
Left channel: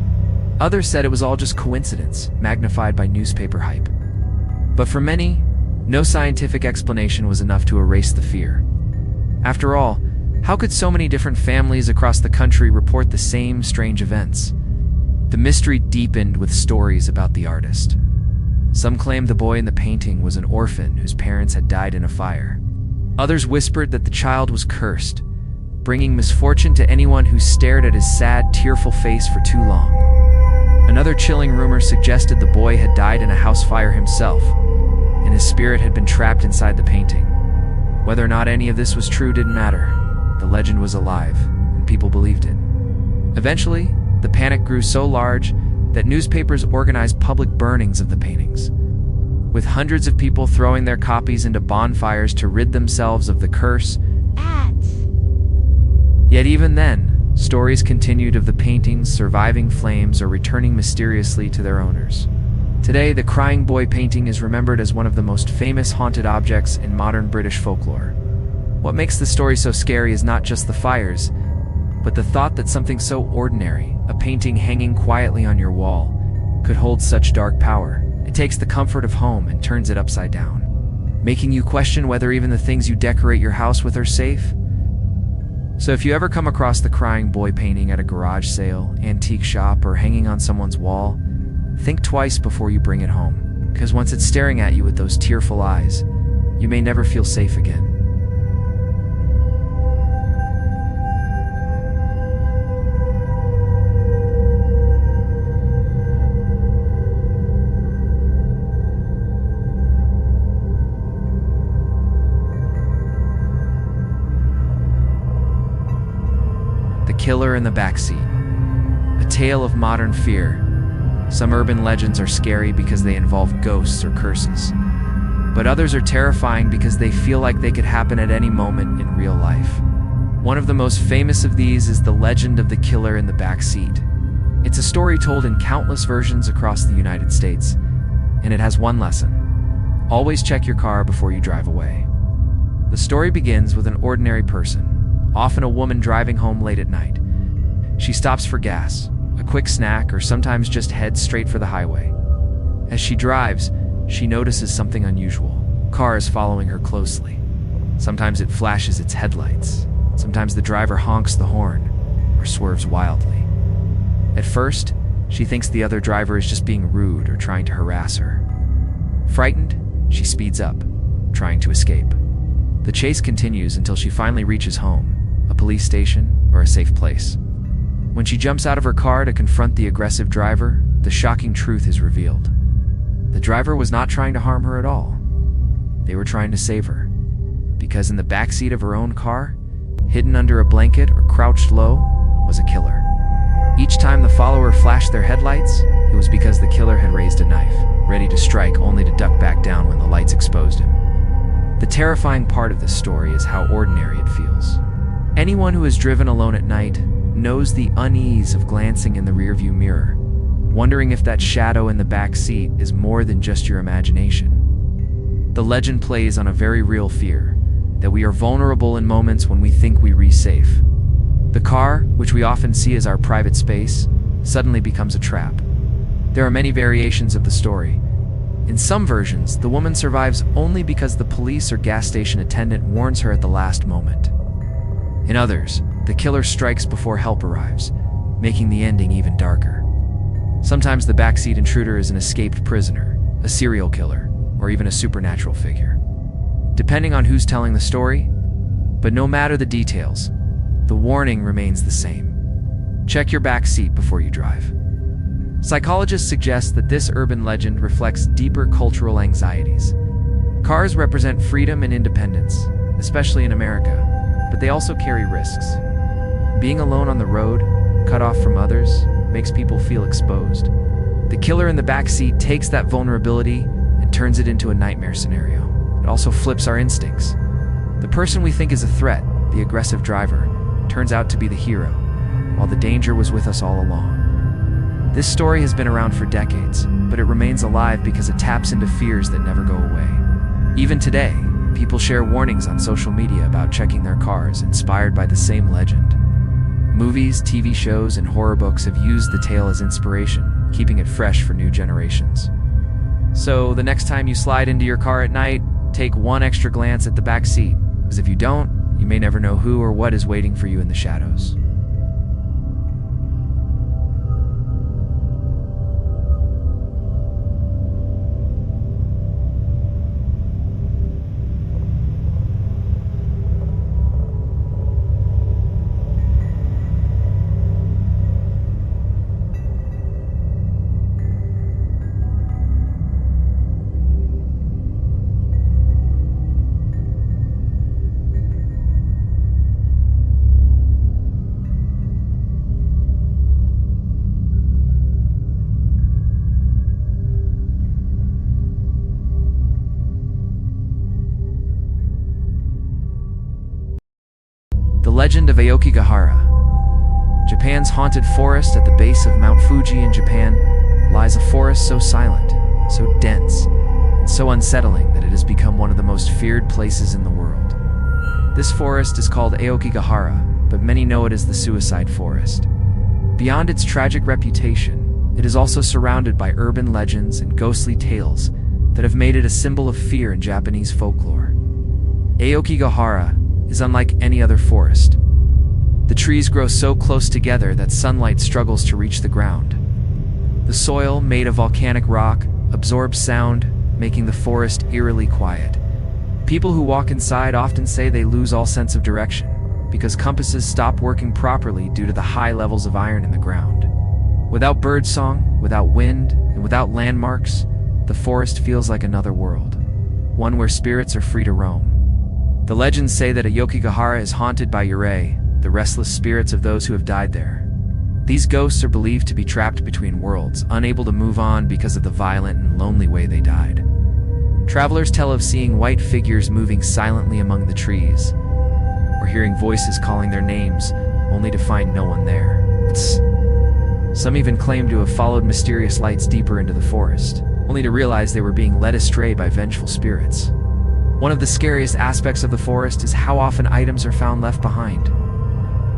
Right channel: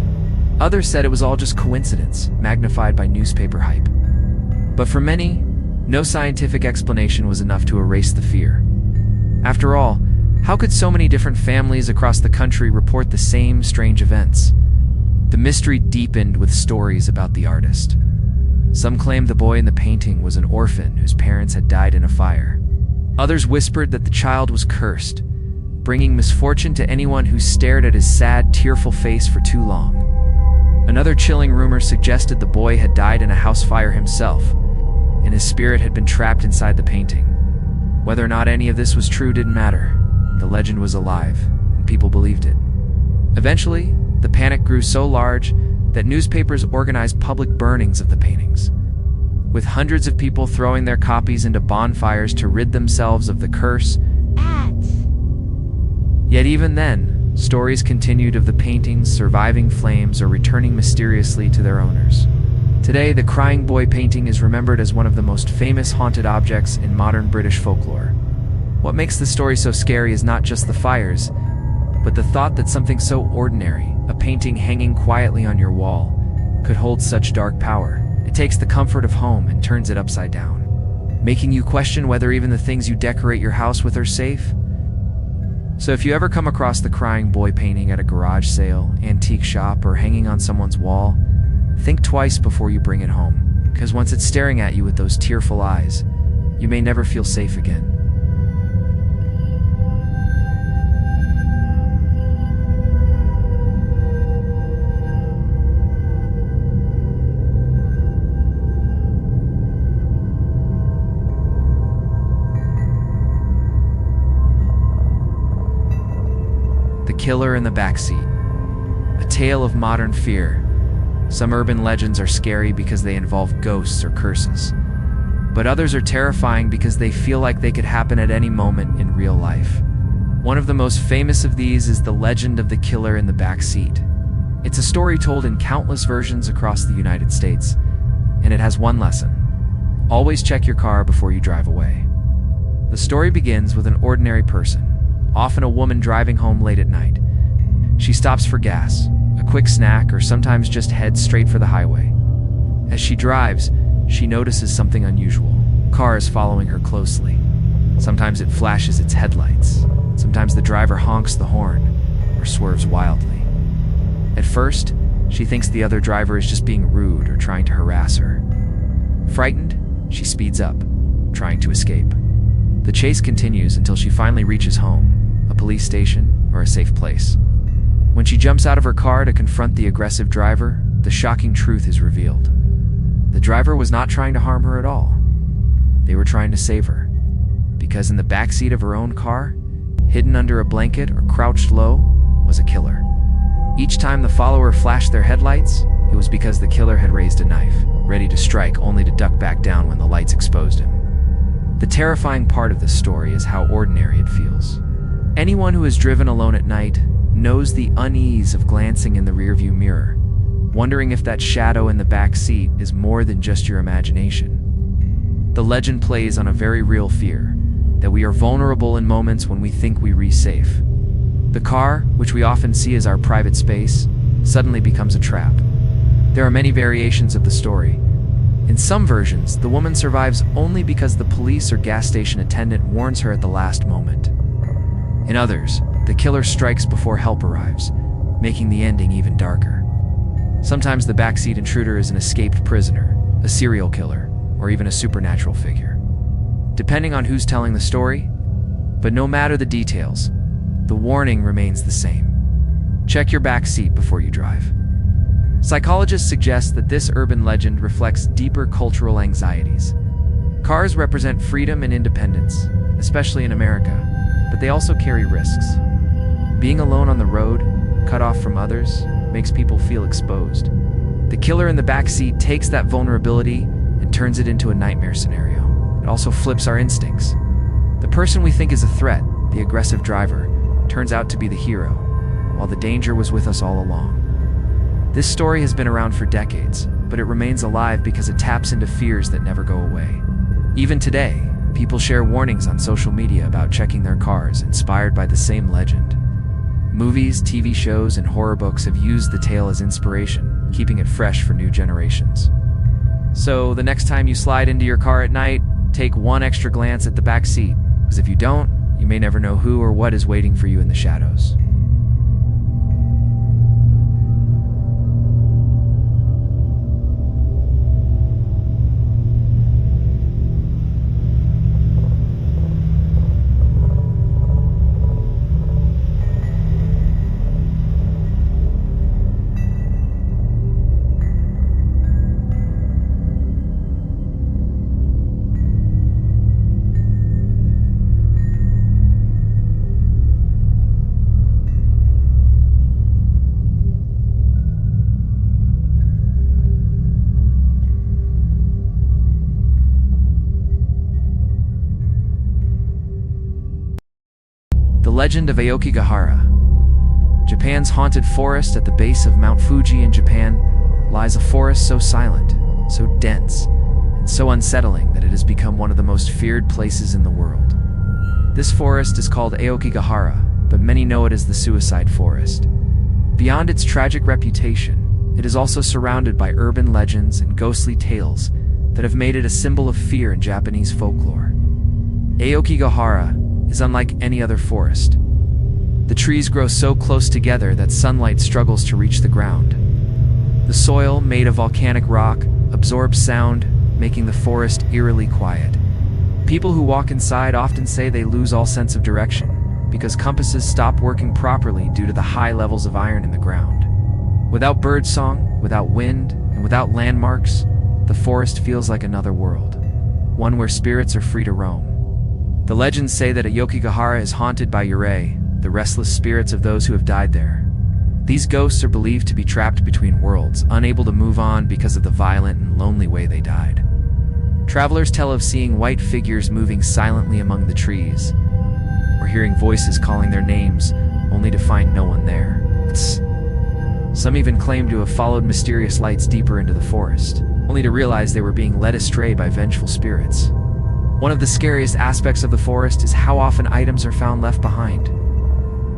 Others said it was all just coincidence, magnified by newspaper hype. But for many, no scientific explanation was enough to erase the fear. After all, how could so many different families across the country report the same strange events? The mystery deepened with stories about the artist. Some claimed the boy in the painting was an orphan whose parents had died in a fire. Others whispered that the child was cursed, bringing misfortune to anyone who stared at his sad, tearful face for too long. Another chilling rumor suggested the boy had died in a house fire himself, and his spirit had been trapped inside the painting. Whether or not any of this was true didn't matter. The legend was alive, and people believed it. Eventually, the panic grew so large that newspapers organized public burnings of the paintings, with hundreds of people throwing their copies into bonfires to rid themselves of the curse. Yet even then, stories continued of the paintings surviving flames or returning mysteriously to their owners. Today, the Crying Boy painting is remembered as one of the most famous haunted objects in modern British folklore. What makes the story so scary is not just the fires, but the thought that something so ordinary, a painting hanging quietly on your wall, could hold such dark power. It takes the comfort of home and turns it upside down, making you question whether even the things you decorate your house with are safe. So if you ever come across the Crying Boy painting at a garage sale, antique shop, or hanging on someone's wall, think twice before you bring it home, because once it's staring at you with those tearful eyes, you may never feel safe again. The Killer in the Backseat. A tale of modern fear. Some urban legends are scary because they involve ghosts or curses, but others are terrifying because they feel like they could happen at any moment in real life. One of the most famous of these is the legend of the killer in the backseat. It's a story told in countless versions across the United States, and it has one lesson: always check your car before you drive away. The story begins with an ordinary person, often a woman driving home late at night. She stops for gas, a quick snack, or sometimes just heads straight for the highway. As she drives, she notices something unusual. A car is following her closely. Sometimes it flashes its headlights. Sometimes the driver honks the horn or swerves wildly. At first, she thinks the other driver is just being rude or trying to harass her. Frightened, she speeds up, trying to escape. The chase continues until she finally reaches home, a police station, or a safe place. When she jumps out of her car to confront the aggressive driver, the shocking truth is revealed. The driver was not trying to harm her at all. They were trying to save her. Because in the backseat of her own car, hidden under a blanket or crouched low, was a killer. Each time the follower flashed their headlights, it was because the killer had raised a knife, ready to strike only to duck back down when the lights exposed him. The terrifying part of this story is how ordinary it feels. Anyone who has driven alone at night knows the unease of glancing in the rearview mirror, wondering if that shadow in the back seat is more than just your imagination. The legend plays on a very real fear, that we are vulnerable in moments when we think we are safe. The car, which we often see as our private space, suddenly becomes a trap. There are many variations of the story. In some versions, the woman survives only because the police or gas station attendant warns her at the last moment. In others, the killer strikes before help arrives, making the ending even darker. Sometimes the backseat intruder is an escaped prisoner, a serial killer, or even a supernatural figure, depending on who's telling the story. But no matter the details, the warning remains the same. Check your back seat before you drive. Psychologists suggest that this urban legend reflects deeper cultural anxieties. Cars represent freedom and independence, especially in America, but they also carry risks. Being alone on the road, cut off from others, makes people feel exposed. The killer in the back seat takes that vulnerability and turns it into a nightmare scenario. It also flips our instincts. The person we think is a threat, the aggressive driver, turns out to be the hero, while the danger was with us all along. This story has been around for decades, but it remains alive because it taps into fears that never go away. Even today, people share warnings on social media about checking their cars, inspired by the same legend. Movies, TV shows, and horror books have used the tale as inspiration, keeping it fresh for new generations. So, the next time you slide into your car at night, take one extra glance at the back seat, because if you don't, you may never know who or what is waiting for you in the shadows. The legend of Aokigahara. Japan's haunted forest at the base of Mount Fuji in Japan lies a forest so silent, so dense, and so unsettling that it has become one of the most feared places in the world. This forest is called Aokigahara, but many know it as the Suicide Forest. Beyond its tragic reputation, it is also surrounded by urban legends and ghostly tales that have made it a symbol of fear in Japanese folklore. Aokigahara is unlike any other forest. The trees grow so close together that sunlight struggles to reach the ground. The soil, made of volcanic rock, absorbs sound, making the forest eerily quiet. People who walk inside often say they lose all sense of direction, because compasses stop working properly due to the high levels of iron in the ground. Without birdsong, without wind, and without landmarks, the forest feels like another world, one where spirits are free to roam. The legends say that Aokigahara is haunted by yurei, the restless spirits of those who have died there. These ghosts are believed to be trapped between worlds, unable to move on because of the violent and lonely way they died. Travelers tell of seeing white figures moving silently among the trees, or hearing voices calling their names, only to find no one there. Some even claim to have followed mysterious lights deeper into the forest, only to realize they were being led astray by vengeful spirits. One of the scariest aspects of the forest is how often items are found left behind.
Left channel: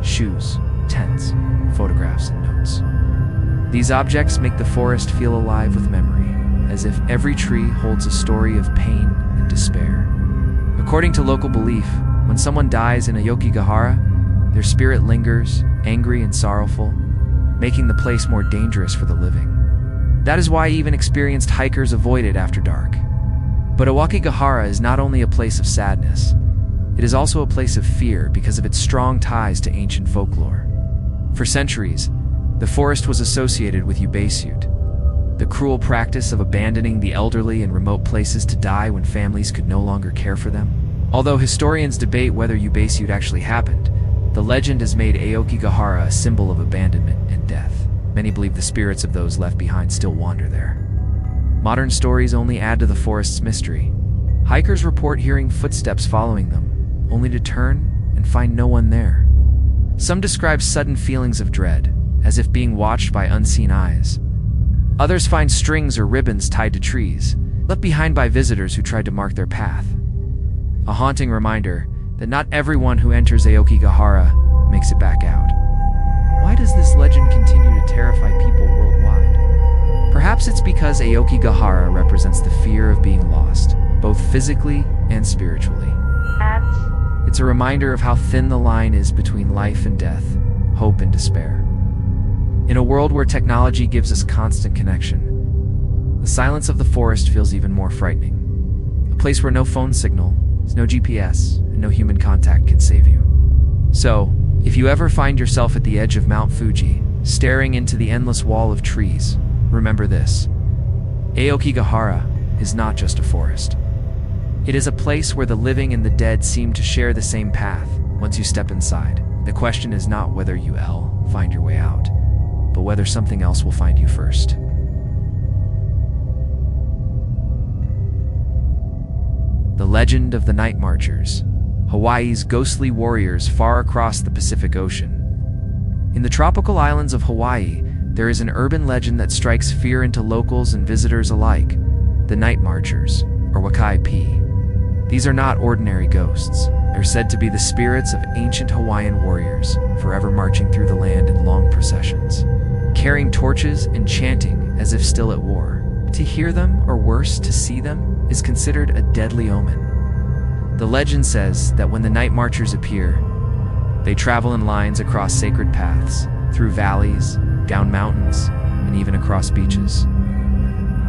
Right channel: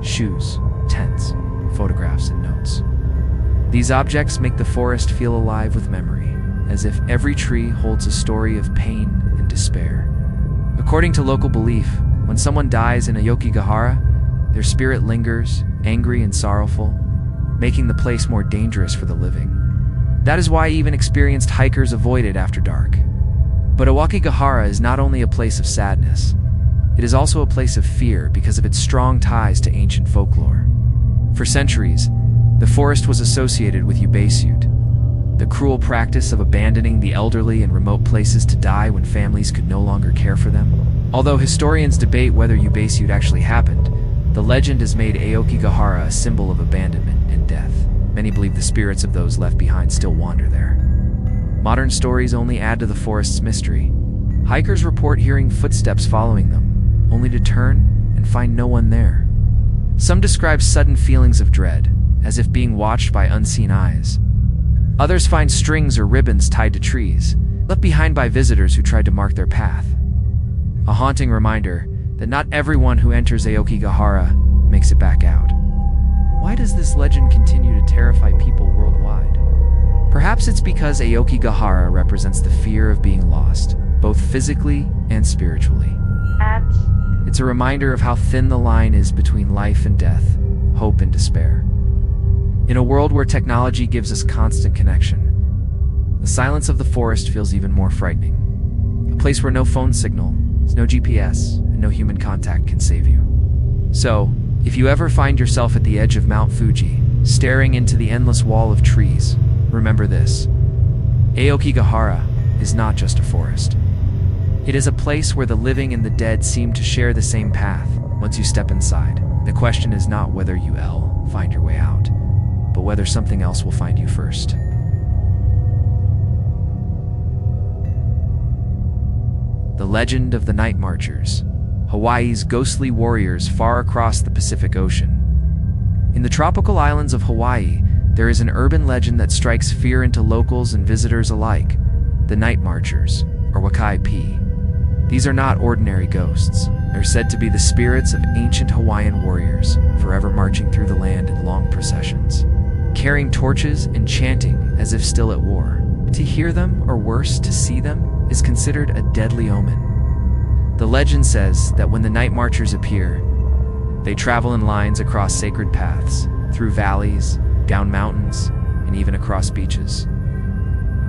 Shoes, tents, photographs, and notes. These objects make the forest feel alive with memory, as if every tree holds a story of pain and despair. According to local belief, when someone dies in Aokigahara, their spirit lingers, angry and sorrowful, making the place more dangerous for the living. That is why even experienced hikers avoid it after dark. But Aokigahara is not only a place of sadness, it is also a place of fear because of its strong ties to ancient folklore. For centuries, the forest was associated with Ubeisut, the cruel practice of abandoning the elderly in remote places to die when families could no longer care for them. Although historians debate whether Ubeisut actually happened, the legend has made Aokigahara a symbol of abandonment and death. Many believe the spirits of those left behind still wander there. Modern stories only add to the forest's mystery. Hikers report hearing footsteps following them, only to turn and find no one there. Some describe sudden feelings of dread, as if being watched by unseen eyes. Others find strings or ribbons tied to trees, left behind by visitors who tried to mark their path. A haunting reminder that not everyone who enters Aokigahara makes it back out. Why does this legend continue to terrify people worldwide? Perhaps it's because Aokigahara represents the fear of being lost, both physically and spiritually. It's a reminder of how thin the line is between life and death, hope and despair. In a world where technology gives us constant connection, the silence of the forest feels even more frightening. A place where no phone signal, no GPS, and no human contact can save you. So, if you ever find yourself at the edge of Mount Fuji, staring into the endless wall of trees, remember this: Aokigahara is not just a forest. It is a place where the living and the dead seem to share the same path. Once you step inside, the question is not whether you'll find your way out, but whether something else will find you first. The Legend of the Night Marchers, Hawaii's ghostly warriors far across the Pacific Ocean. In the tropical islands of Hawaii, there is an urban legend that strikes fear into locals and visitors alike: the Night Marchers, or Wakai-P. These are not ordinary ghosts. They're said to be the spirits of ancient Hawaiian warriors, forever marching through the land in long processions, carrying torches and chanting as if still at war. To hear them, or worse, to see them, is considered a deadly omen. The legend says that when the Night Marchers appear, they travel in lines across sacred paths, through valleys, down mountains, and even across beaches.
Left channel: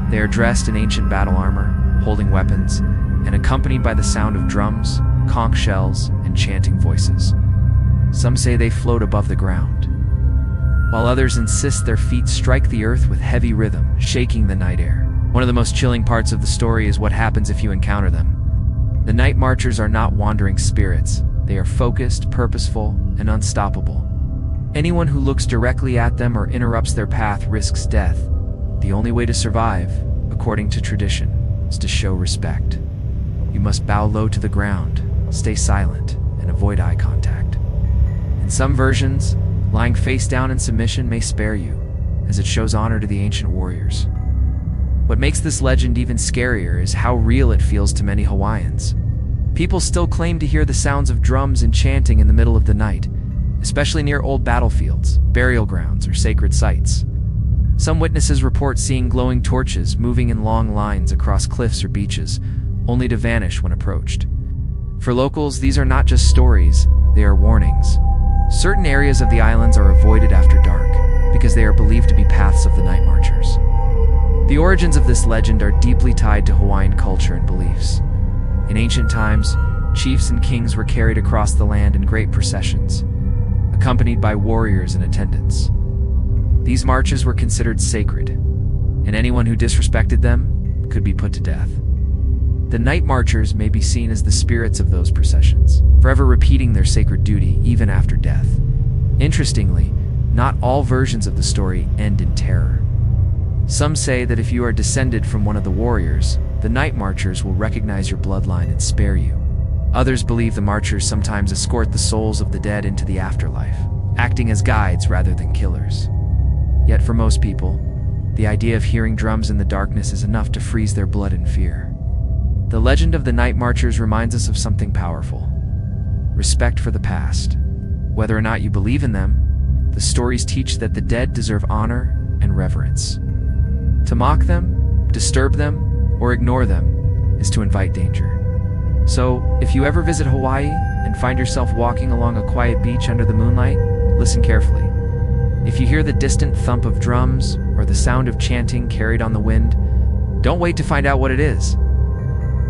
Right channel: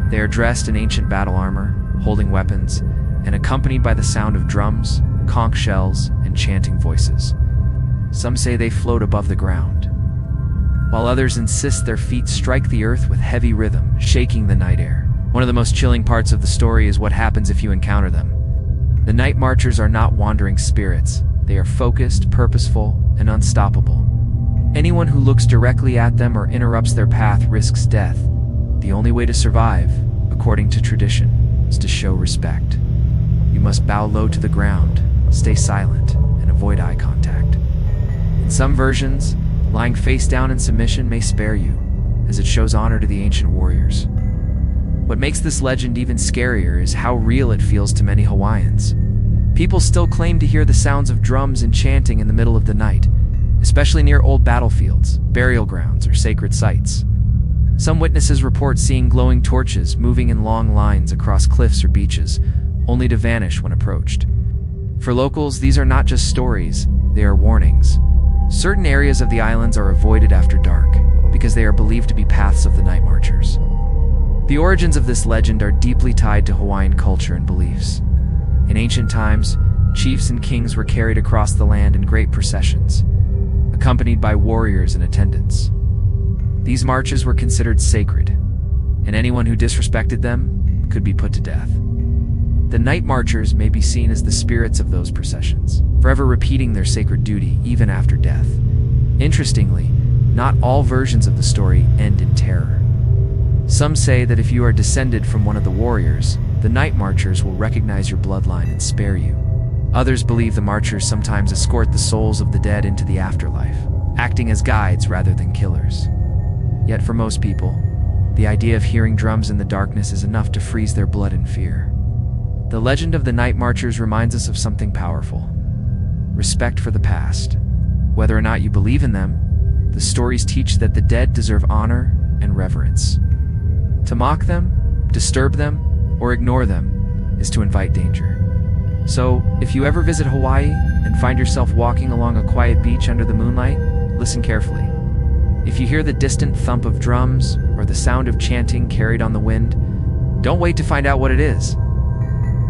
They are dressed in ancient battle armor, holding weapons, and accompanied by the sound of drums, conch shells, and chanting voices. Some say they float above the ground, while others insist their feet strike the earth with heavy rhythm, shaking the night air. One of the most chilling parts of the story is what happens if you encounter them. The Night Marchers are not wandering spirits. They are focused, purposeful, and unstoppable. Anyone who looks directly at them or interrupts their path risks death. The only way to survive, according to tradition, is to show respect. You must bow low to the ground, stay silent, and avoid eye contact. In some versions, lying face down in submission may spare you, as it shows honor to the ancient warriors. What makes this legend even scarier is how real it feels to many Hawaiians. People still claim to hear the sounds of drums and chanting in the middle of the night, especially near old battlefields, burial grounds, or sacred sites. Some witnesses report seeing glowing torches moving in long lines across cliffs or beaches, only to vanish when approached. For locals, these are not just stories, they are warnings. Certain areas of the islands are avoided after dark, because they are believed to be paths of the Night Marchers. The origins of this legend are deeply tied to Hawaiian culture and beliefs. In ancient times, chiefs and kings were carried across the land in great processions, accompanied by warriors and attendants. These marches were considered sacred, and anyone who disrespected them could be put to death. The Night Marchers may be seen as the spirits of those processions, forever repeating their sacred duty even after death. Interestingly, not all versions of the story end in terror. Some say that if you are descended from one of the warriors, the Night Marchers will recognize your bloodline and spare you. Others believe the Marchers sometimes escort the souls of the dead into the afterlife, acting as guides rather than killers. Yet for most people, the idea of hearing drums in the darkness is enough to freeze their blood in fear. The legend of the Night Marchers reminds us of something powerful: respect for the past. Whether or not you believe in them, the stories teach that the dead deserve honor and reverence. To mock them, disturb them, or ignore them is to invite danger. So, if you ever visit Hawaii and find yourself walking along a quiet beach under the moonlight, listen carefully. If you hear the distant thump of drums or the sound of chanting carried on the wind, don't wait to find out what it is.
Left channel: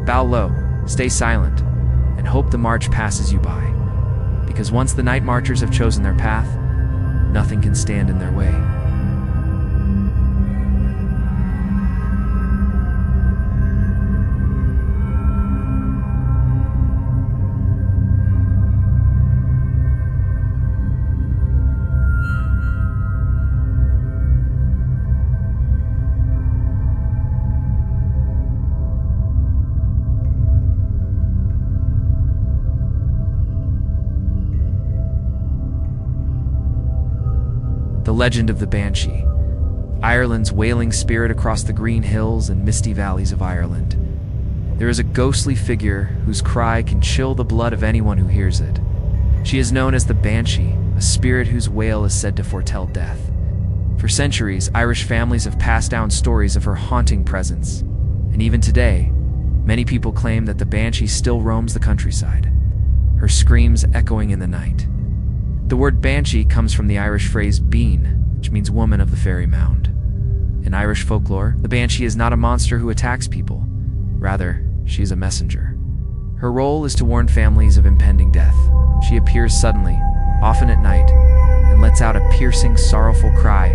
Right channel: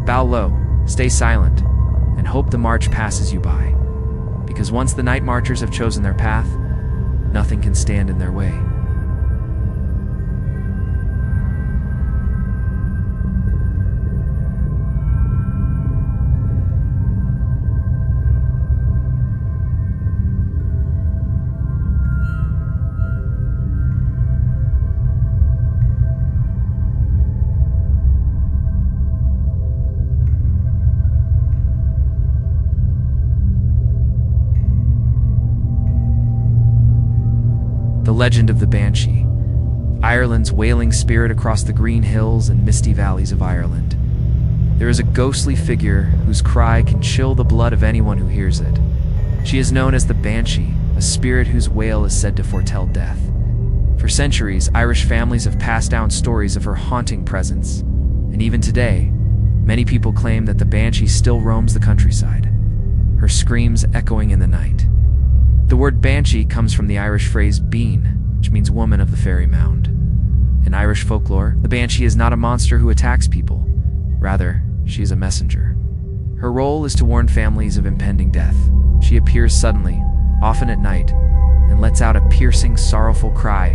Bow low, stay silent, and hope the march passes you by. Because once the night marchers have chosen their path, nothing can stand in their way. The legend of the Banshee, Ireland's wailing spirit across the green hills and misty valleys of Ireland. There is a ghostly figure whose cry can chill the blood of anyone who hears it. She is known as the Banshee, a spirit whose wail is said to foretell death. For centuries, Irish families have passed down stories of her haunting presence, and even today, many people claim that the Banshee still roams the countryside, her screams echoing in the night. The word banshee comes from the Irish phrase bean, which means woman of the fairy mound. In Irish folklore, the banshee is not a monster who attacks people. Rather, she is a messenger. Her role is to warn families of impending death. She appears suddenly, often at night, and lets out a piercing, sorrowful cry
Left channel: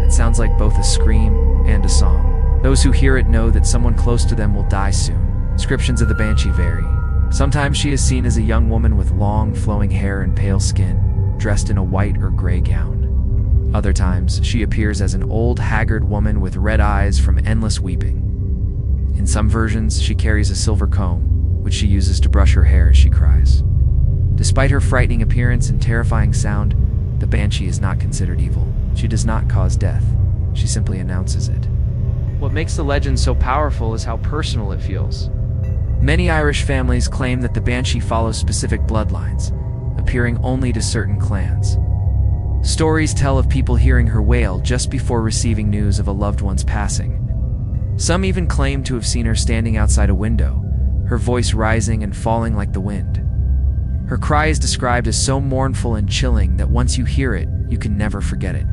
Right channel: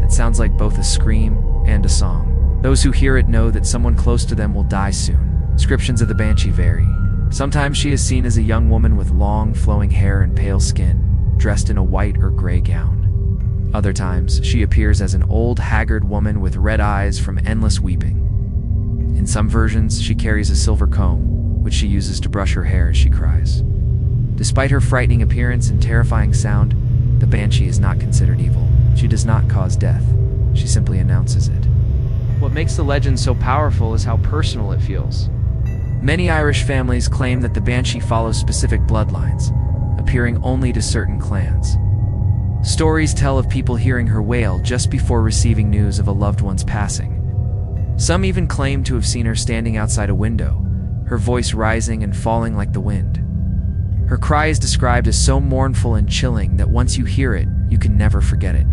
that sounds like both a scream and a song. Those who hear it know that someone close to them will die soon. Descriptions of the banshee vary. Sometimes she is seen as a young woman with long, flowing hair and pale skin, dressed in a white or gray gown. Other times, she appears as an old, haggard woman with red eyes from endless weeping. In some versions, she carries a silver comb, which she uses to brush her hair as she cries. Despite her frightening appearance and terrifying sound, the banshee is not considered evil. She does not cause death. She simply announces it. What makes the legend so powerful is how personal it feels. Many Irish families claim that the banshee follows specific bloodlines, appearing only to certain clans. Stories tell of people hearing her wail just before receiving news of a loved one's passing. Some even claim to have seen her standing outside a window, her voice rising and falling like the wind. Her cry is described as so mournful and chilling that once you hear it, you can never forget it.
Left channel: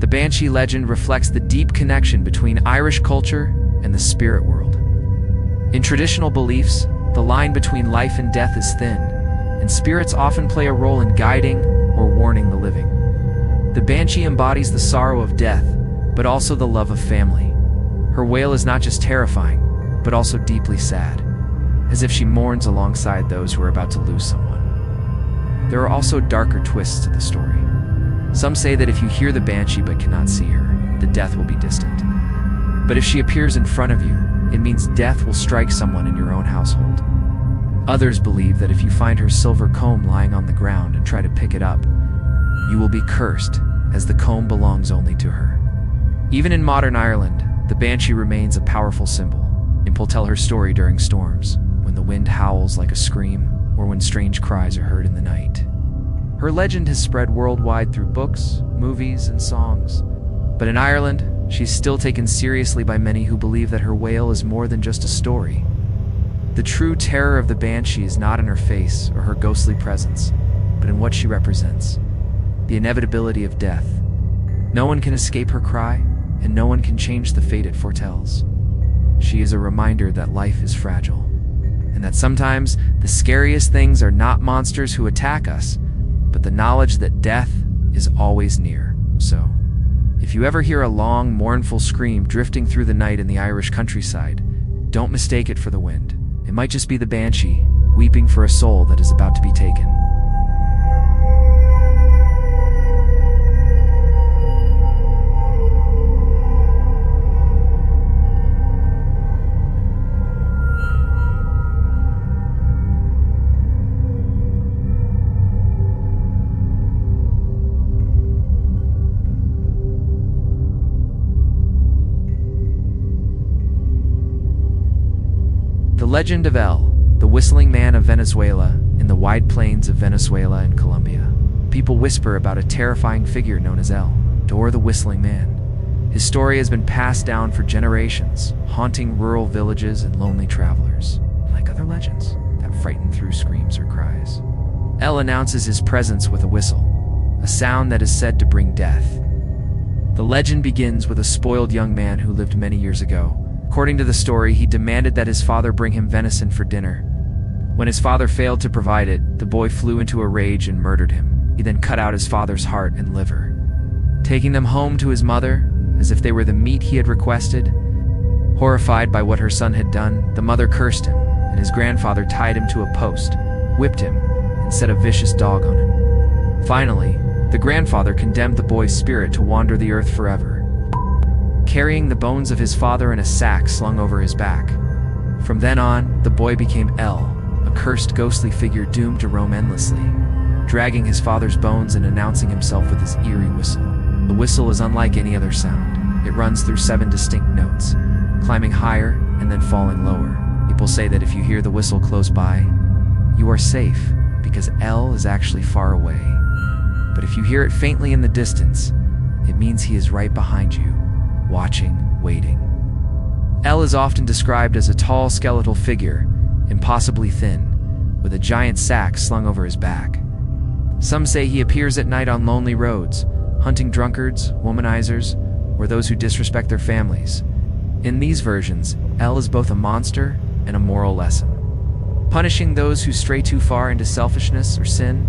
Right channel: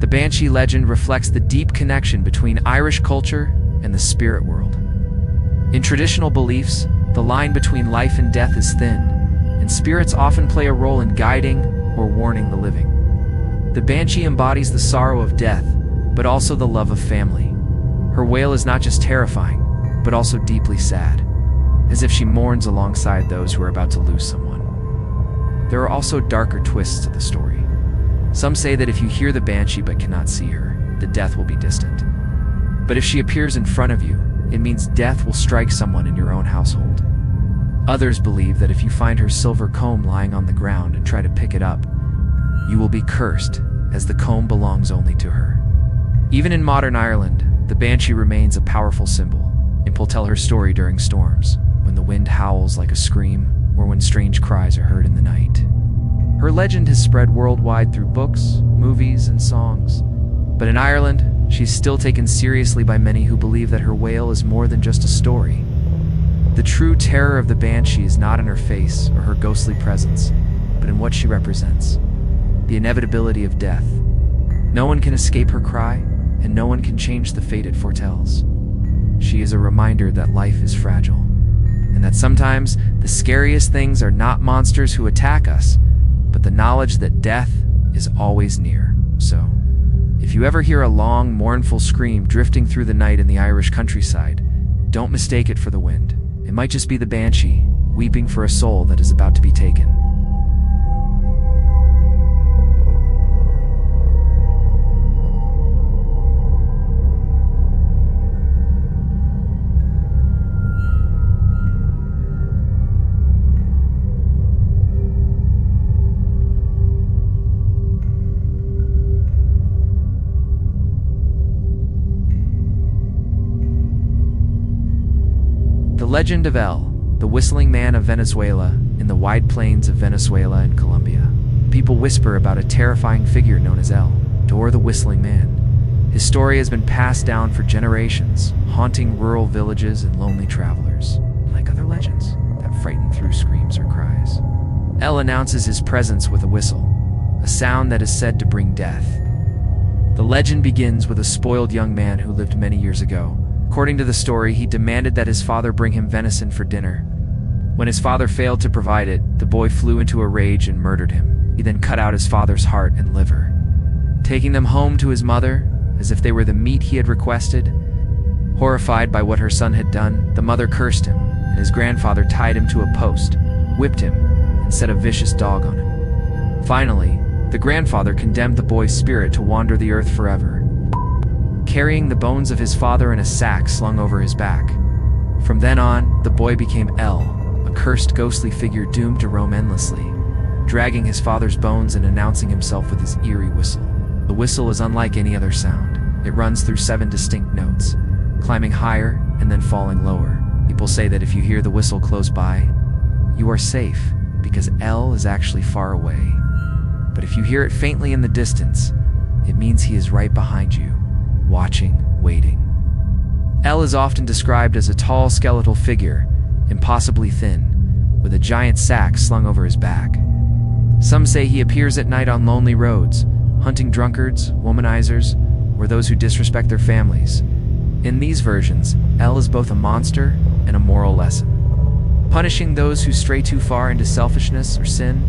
The Banshee legend reflects the deep connection between Irish culture and the spirit world. In traditional beliefs, the line between life and death is thin, and spirits often play a role in guiding or warning the living. The Banshee embodies the sorrow of death, but also the love of family. Her wail is not just terrifying, but also deeply sad, as if she mourns alongside those who are about to lose someone. There are also darker twists to the story. Some say that if you hear the Banshee but cannot see her, the death will be distant. But if she appears in front of you, it means death will strike someone in your own household. Others believe that if you find her silver comb lying on the ground and try to pick it up, you will be cursed, as the comb belongs only to her. Even in modern Ireland, the Banshee remains a powerful symbol. People tell her story during storms, when the wind howls like a scream, or when strange cries are heard in the night. Her legend has spread worldwide through books, movies, and songs. But in Ireland, she's still taken seriously by many who believe that her wail is more than just a story. The true terror of the Banshee is not in her face or her ghostly presence, but in what she represents: the inevitability of death. No one can escape her cry, and no one can change the fate it foretells. She is a reminder that life is fragile, and that sometimes the scariest things are not monsters who attack us, but the knowledge that death is always near. So, if you ever hear a long, mournful scream drifting through the night in the Irish countryside, don't mistake it for the wind. It might just be the Banshee, weeping for a soul that is about to be taken. The legend of El, the whistling man of Venezuela, in the wide plains of Venezuela and Colombia. People whisper about a terrifying figure known as El, or the whistling man. His story has been passed down for generations, haunting rural villages and lonely travelers. Like other legends that frighten through screams or cries, El announces his presence with a whistle, a sound that is said to bring death. The legend begins with a spoiled young man who lived many years ago. According to the story, he demanded that his father bring him venison for dinner. When his father failed to provide it, the boy flew into a rage and murdered him. He then cut out his father's heart and liver, taking them home to his mother as if they were the meat he had requested. Horrified by what her son had done, the mother cursed him, and his grandfather tied him to a post, whipped him, and set a vicious dog on him. Finally, the grandfather condemned the boy's spirit to wander the earth forever, carrying the bones of his father in a sack slung over his back. From then on, the boy became El, a cursed ghostly figure doomed to roam endlessly, dragging his father's bones and announcing himself with his eerie whistle. The whistle is unlike any other sound. It runs through 7 distinct notes, climbing higher and then falling lower. People say that if you hear the whistle close by, you are safe, because El is actually far away. But if you hear it faintly in the distance, it means he is right behind you, watching, waiting. El is often described as a tall skeletal figure, impossibly thin, with a giant sack slung over his back. Some say he appears at night on lonely roads, hunting drunkards, womanizers, or those who disrespect their families. In these versions, El is both a monster and a moral lesson, punishing those who stray too far into selfishness or sin.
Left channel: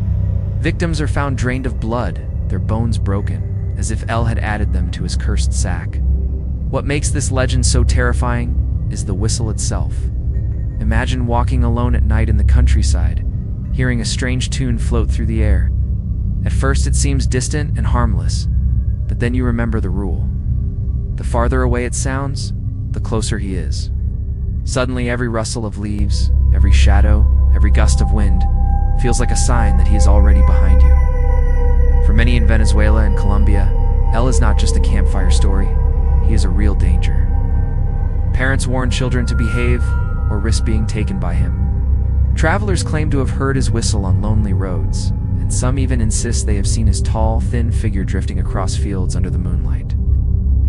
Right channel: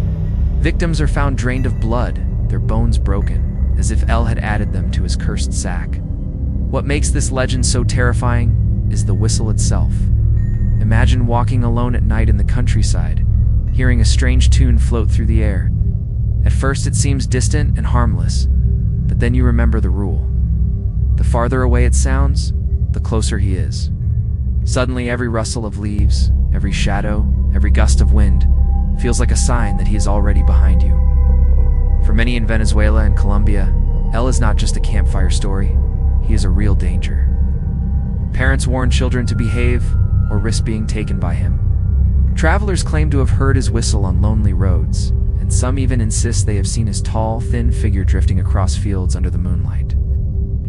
Victims are found drained of blood, their bones broken, as if El had added them to his cursed sack. What makes this legend so terrifying is the whistle itself. Imagine walking alone at night in the countryside, hearing a strange tune float through the air. At first it seems distant and harmless, but then you remember the rule. The farther away it sounds, the closer he is. Suddenly every rustle of leaves, every shadow, every gust of wind feels like a sign that he is already behind you. For many in Venezuela and Colombia, El is not just a campfire story, he is a real danger. Parents warn children to behave or risk being taken by him. Travelers claim to have heard his whistle on lonely roads, and some even insist they have seen his tall, thin figure drifting across fields under the moonlight.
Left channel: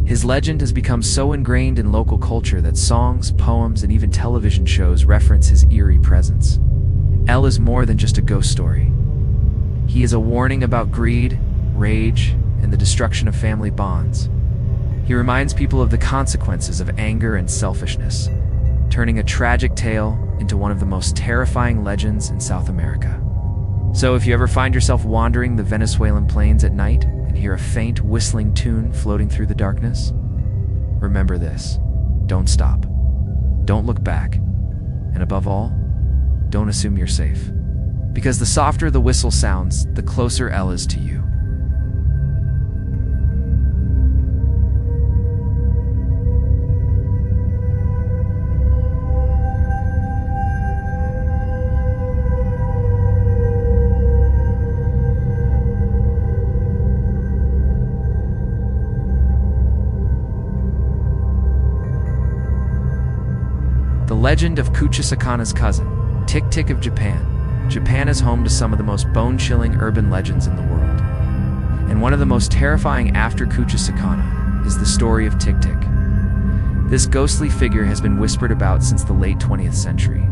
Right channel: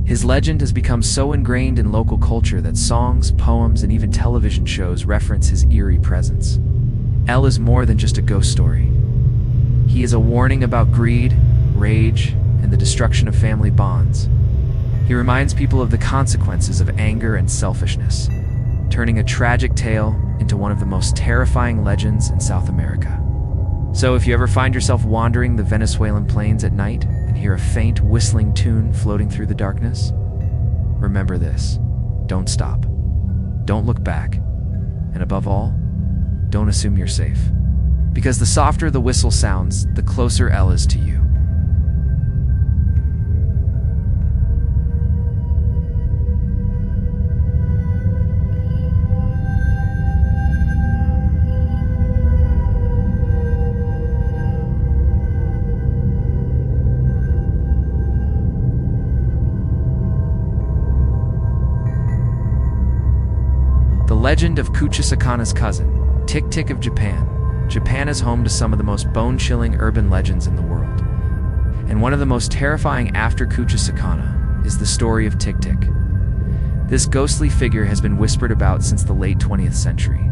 His legend has become so ingrained in local culture that songs, poems, and even television shows reference his eerie presence. El is more than just a ghost story. He is a warning about greed, rage, and the destruction of family bonds. He reminds people of the consequences of anger and selfishness, turning a tragic tale into one of the most terrifying legends in South America. So if you ever find yourself wandering the Venezuelan plains at night and hear a faint whistling tune floating through the darkness, remember this: don't stop, don't look back, and above all, don't assume you're safe. Because the softer the whistle sounds, the closer El is to you. The legend of Kuchisake-onna's cousin, Tik-Tik of Japan. Japan is home to some of the most bone-chilling urban legends in the world. And one of the most terrifying after Kuchisake-onna is the story of Tik-Tik. This ghostly figure has been whispered about since the late 20th century,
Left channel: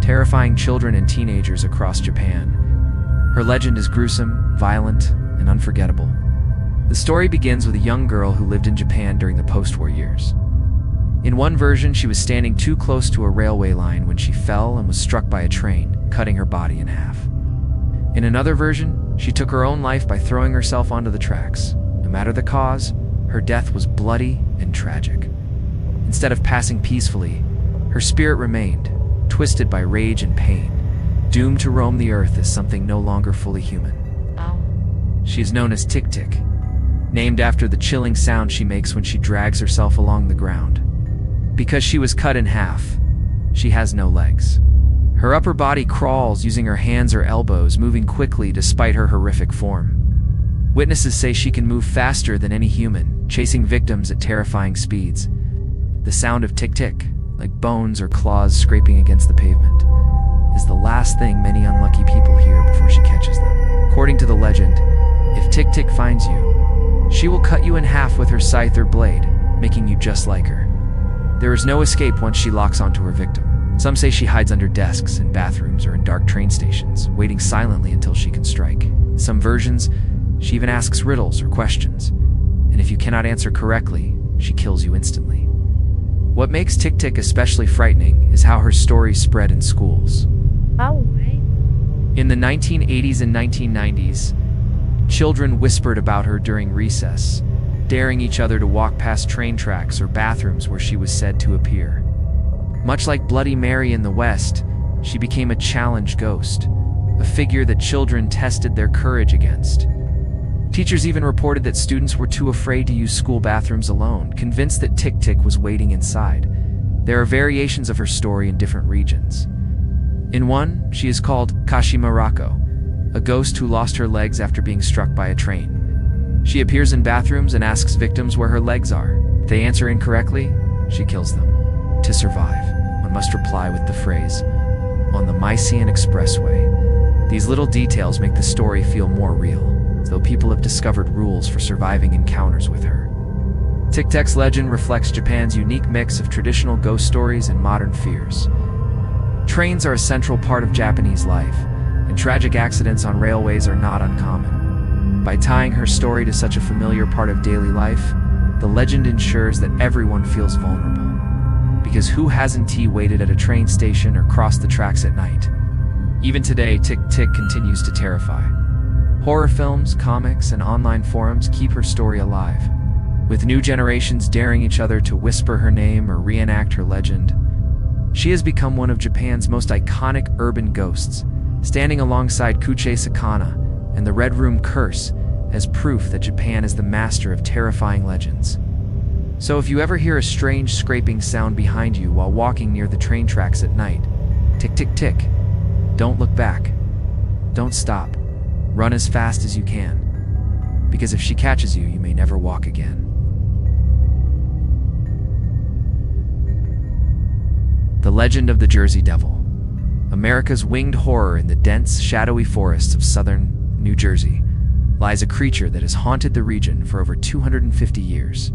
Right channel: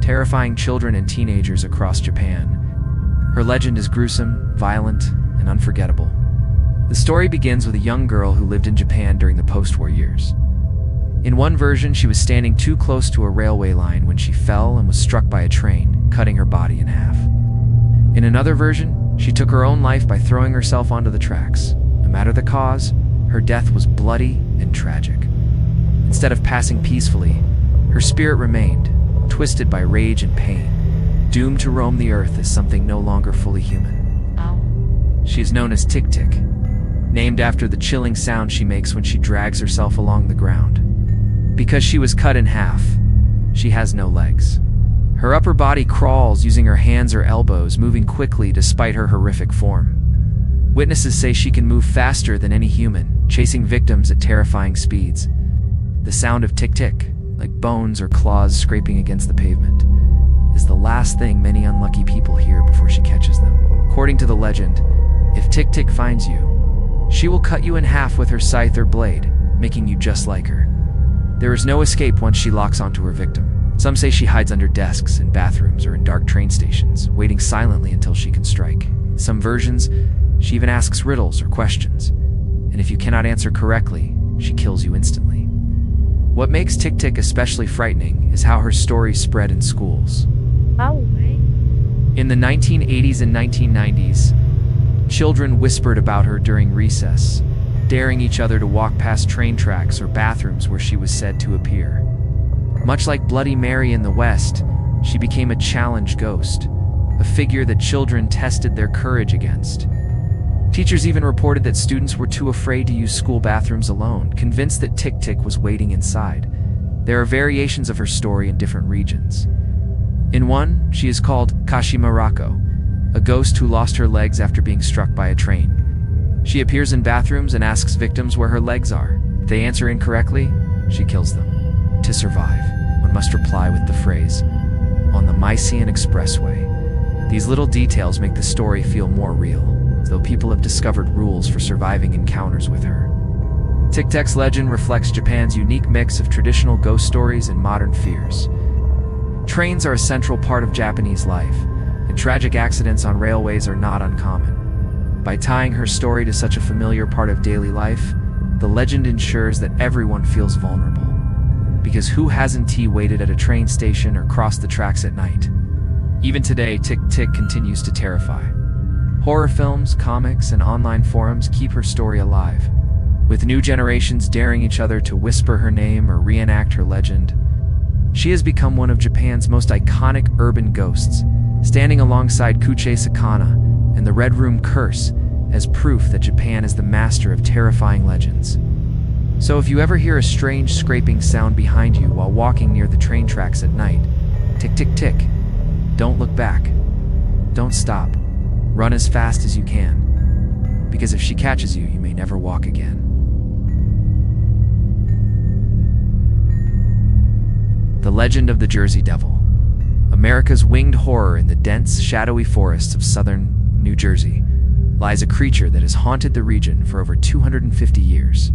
terrifying children and teenagers across Japan. Her legend is gruesome, violent, and unforgettable. The story begins with a young girl who lived in Japan during the post-war years. In one version, she was standing too close to a railway line when she fell and was struck by a train, cutting her body in half. In another version, she took her own life by throwing herself onto the tracks. No matter the cause, her death was bloody and tragic. Instead of passing peacefully, her spirit remained, twisted by rage and pain, doomed to roam the earth as something no longer fully human. She is known as Tik-Tik, named after the chilling sound she makes when she drags herself along the ground. Because she was cut in half, she has no legs. Her upper body crawls using her hands or elbows, moving quickly despite her horrific form. Witnesses say she can move faster than any human, chasing victims at terrifying speeds. The sound of Tik-Tik, like bones or claws scraping against the pavement, is the last thing many unlucky people hear before she catches them. According to the legend, if Tik-Tik finds you, She will cut you in half with her scythe or blade, making you just like her. There is no escape once she locks onto her victim. Some say she hides under desks, in bathrooms, or in dark train stations, waiting silently until she can strike. In some versions, she even asks riddles or questions, and if you cannot answer correctly, she kills you instantly. What makes Tik-Tik especially frightening is how her stories spread in schools. In the 1980s and 1990s, children whispered about her during recess, daring each other to walk past train tracks or bathrooms where she was said to appear. Much like Bloody Mary in the West, she became a challenge ghost, a figure that children tested their courage against. Teachers even reported that students were too afraid to use school bathrooms alone, convinced that Tik-Tik was waiting inside. There are variations of her story in different regions. In one, she is called Kuchisake-onna, a ghost who lost her legs after being struck by a train. She appears in bathrooms and asks victims where her legs are. If they answer incorrectly, she kills them. To survive, one must reply with the phrase, "On the Mysian Expressway." These little details make the story feel more real, as though people have discovered rules for surviving encounters with her. Tik-Tik's legend reflects Japan's unique mix of traditional ghost stories and modern fears. Trains are a central part of Japanese life, and tragic accidents on railways are not uncommon. By tying her story to such a familiar part of daily life, the legend ensures that everyone feels vulnerable. Because who hasn't waited at a train station or crossed the tracks at night? Even today, Tik-Tik continues to terrify. Horror films, comics, and online forums keep her story alive, with new generations daring each other to whisper her name or reenact her legend. She has become one of Japan's most iconic urban ghosts, standing alongside Kuchisake-onna and the Red Room Curse as proof that Japan is the master of terrifying legends. So if you ever hear a strange scraping sound behind you while walking near the train tracks at night, tick tick tick, don't look back. Don't stop. Run as fast as you can. Because if she catches you, you may never walk again. The Legend of the Jersey Devil. America's winged horror in the dense, shadowy forests of southern New Jersey lies a creature that has haunted the region for over 250 years,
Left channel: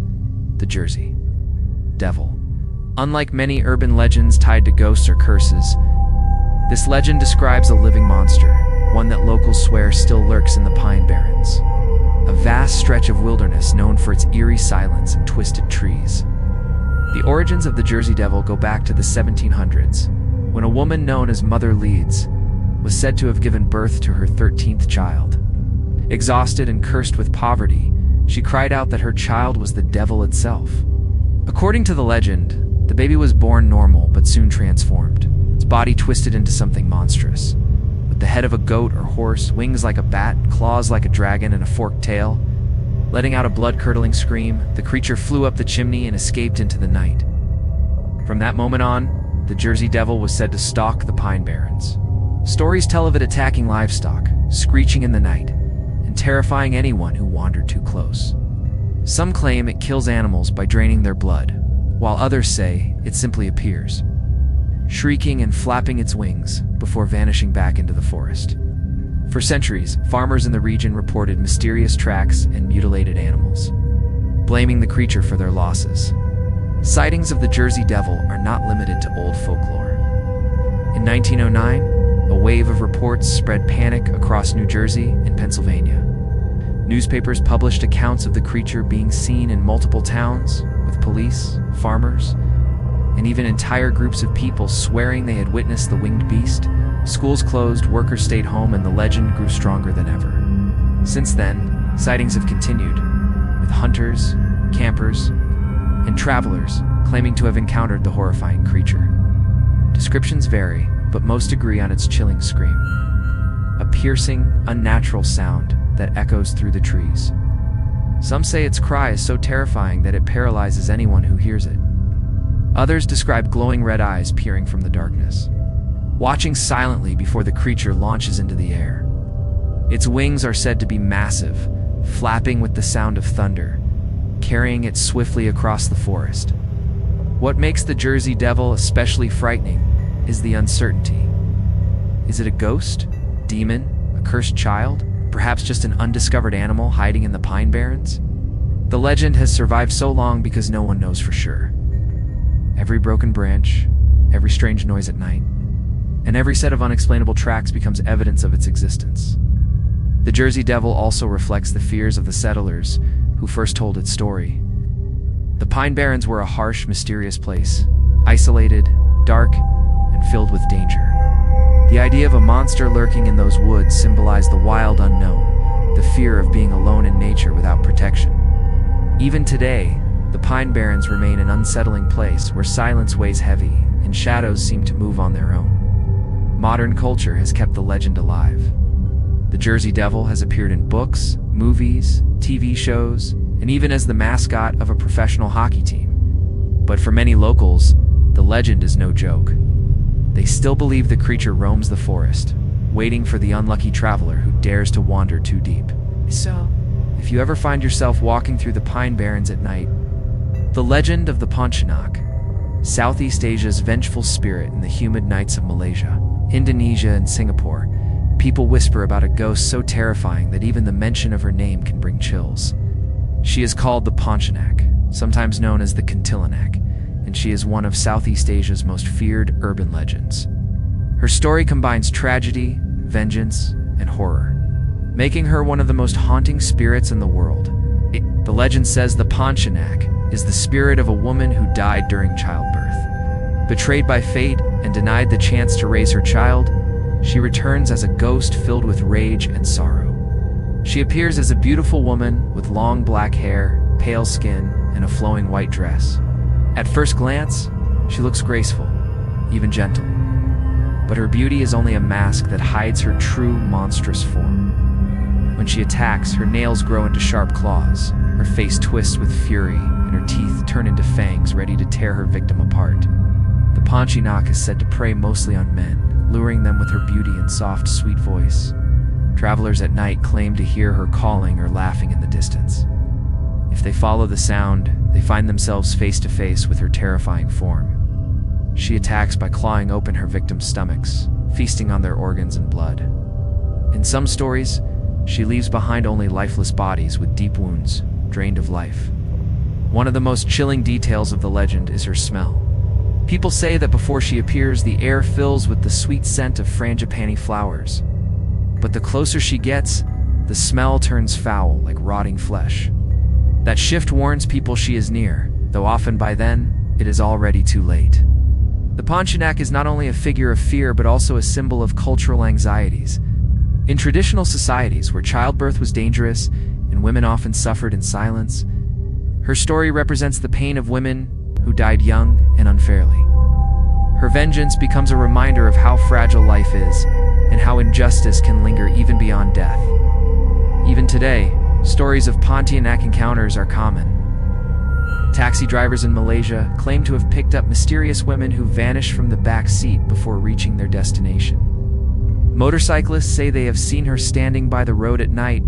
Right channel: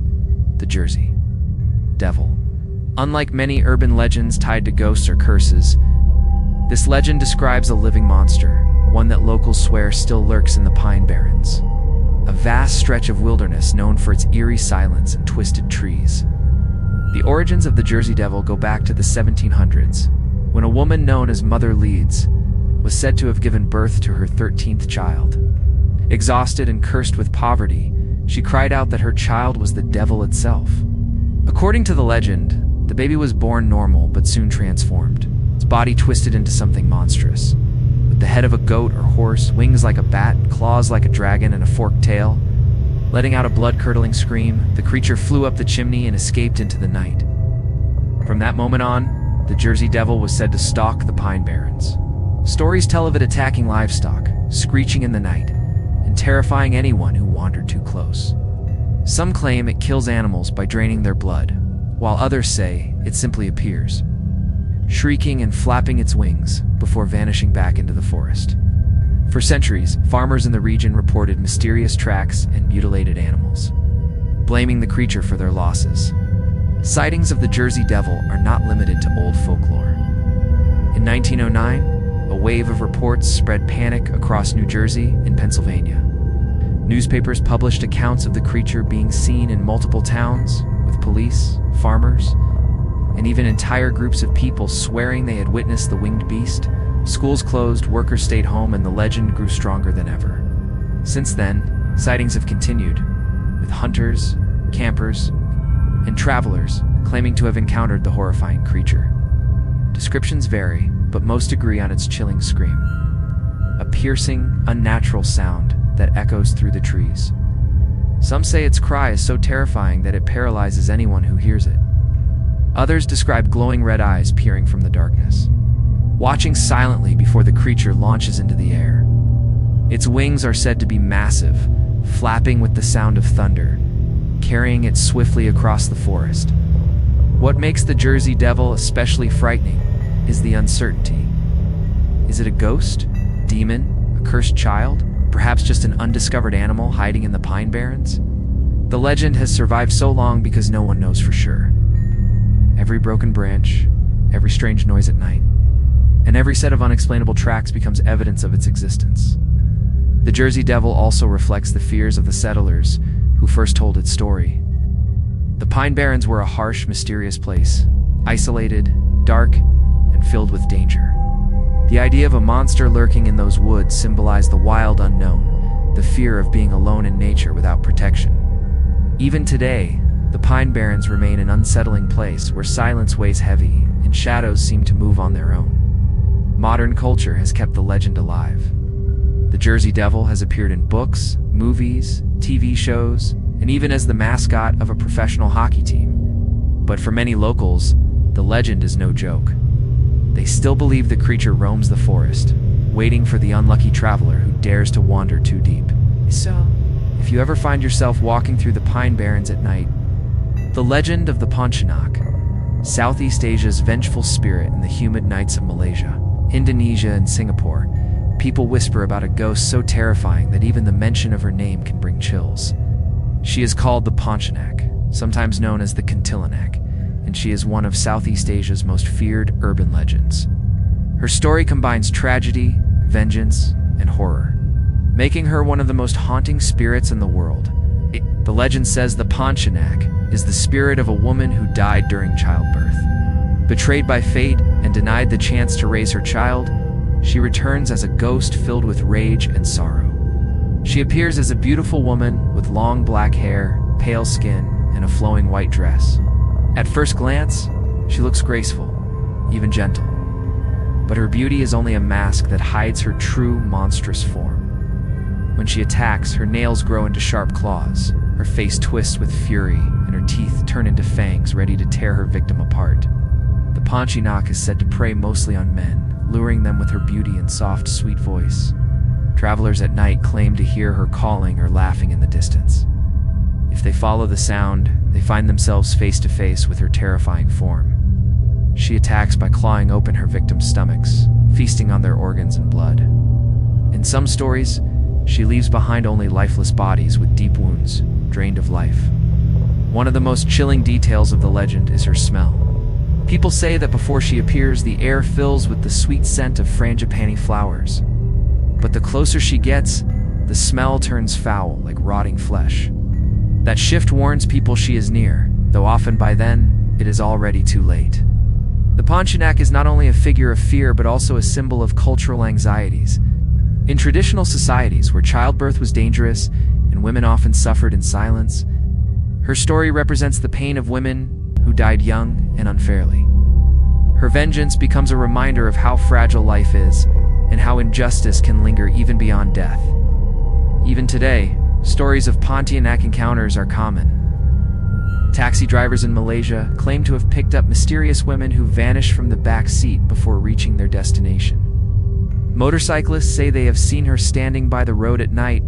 the Jersey Devil. Unlike many urban legends tied to ghosts or curses, this legend describes a living monster, one that locals swear still lurks in the Pine Barrens, a vast stretch of wilderness known for its eerie silence and twisted trees. The origins of the Jersey Devil go back to the 1700s, when a woman known as Mother Leeds was said to have given birth to her 13th child. Exhausted and cursed with poverty, she cried out that her child was the devil itself. According to the legend, the baby was born normal but soon transformed, its body twisted into something monstrous. With the head of a goat or horse, wings like a bat, claws like a dragon, and a forked tail. Letting out a blood-curdling scream, the creature flew up the chimney and escaped into the night. From that moment on, the Jersey Devil was said to stalk the Pine Barrens. Stories tell of it attacking livestock, screeching in the night, and terrifying anyone who wandered too close. Some claim it kills animals by draining their blood, while others say it simply appears, shrieking and flapping its wings before vanishing back into the forest. For centuries, farmers in the region reported mysterious tracks and mutilated animals, blaming the creature for their losses. Sightings of the Jersey Devil are not limited to old folklore. In 1909, a wave of reports spread panic across New Jersey and Pennsylvania. Newspapers published accounts of the creature being seen in multiple towns, with police, farmers, and even entire groups of people swearing they had witnessed the winged beast. Schools closed, workers stayed home, and the legend grew stronger than ever. Since then, sightings have continued, with hunters, campers, and travelers claiming to have encountered the horrifying creature. Descriptions vary, but most agree on its chilling scream, a piercing, unnatural sound that echoes through the trees. Some say its cry is so terrifying that it paralyzes anyone who hears it. Others describe glowing red eyes peering from the darkness, watching silently before the creature launches into the air. Its wings are said to be massive, flapping with the sound of thunder, carrying it swiftly across the forest. What makes the Jersey Devil especially frightening is the uncertainty. Is it a ghost, demon, a cursed child, perhaps just an undiscovered animal hiding in the Pine Barrens? The legend has survived so long because no one knows for sure. Every broken branch, every strange noise at night, and every set of unexplainable tracks becomes evidence of its existence. The Jersey Devil also reflects the fears of the settlers who first told its story. The Pine Barrens were a harsh, mysterious place, isolated, dark, and filled with danger. The idea of a monster lurking in those woods symbolized the wild unknown, the fear of being alone in nature without protection. Even today, the Pine Barrens remain an unsettling place where silence weighs heavy and shadows seem to move on their own. Modern culture has kept the legend alive. The Jersey Devil has appeared in books, movies, TV shows, and even as the mascot of a professional hockey team. But for many locals, the legend is no joke. They still believe the creature roams the forest, waiting for the unlucky traveler who dares to wander too deep. So, if you ever find yourself walking through the Pine Barrens at night, the legend of the Pontianak, Southeast Asia's vengeful spirit in the humid nights of Malaysia, Indonesia, and Singapore, people whisper about a ghost so terrifying that even the mention of her name can bring chills. She is called the Pontianak, sometimes known as the Kuntilanak, and she is one of Southeast Asia's most feared urban legends. Her story combines tragedy, vengeance, and horror, making her one of the most haunting spirits in the world. The legend says the Pontianak is the spirit of a woman who died during childbirth. Betrayed by fate and denied the chance to raise her child, she returns as a ghost filled with rage and sorrow. She appears as a beautiful woman with long black hair, pale skin, and a flowing white dress. At first glance, she looks graceful, even gentle. But her beauty is only a mask that hides her true monstrous form. When she attacks, her nails grow into sharp claws, her face twists with fury, and her teeth turn into fangs ready to tear her victim apart. The Pontianak is said to prey mostly on men, luring them with her beauty and soft, sweet voice. Travelers at night claim to hear her calling or laughing in the distance. If they follow the sound, they find themselves face to face with her terrifying form. She attacks by clawing open her victims' stomachs, feasting on their organs and blood. In some stories, she leaves behind only lifeless bodies with deep wounds, drained of life. One of the most chilling details of the legend is her smell. People say that before she appears, the air fills with the sweet scent of frangipani flowers. But the closer she gets, the smell turns foul, like rotting flesh. That shift warns people she is near, though often by then, it is already too late. The Pontianak is not only a figure of fear, but also a symbol of cultural anxieties. In traditional societies where childbirth was dangerous and women often suffered in silence, her story represents the pain of women who died young and unfairly. Her vengeance becomes a reminder of how fragile life is and how injustice can linger even beyond death. Even today, stories of Pontianak encounters are common. Taxi drivers in Malaysia claim to have picked up mysterious women who vanish from the back seat before reaching their destination. Motorcyclists say they have seen her standing by the road at night,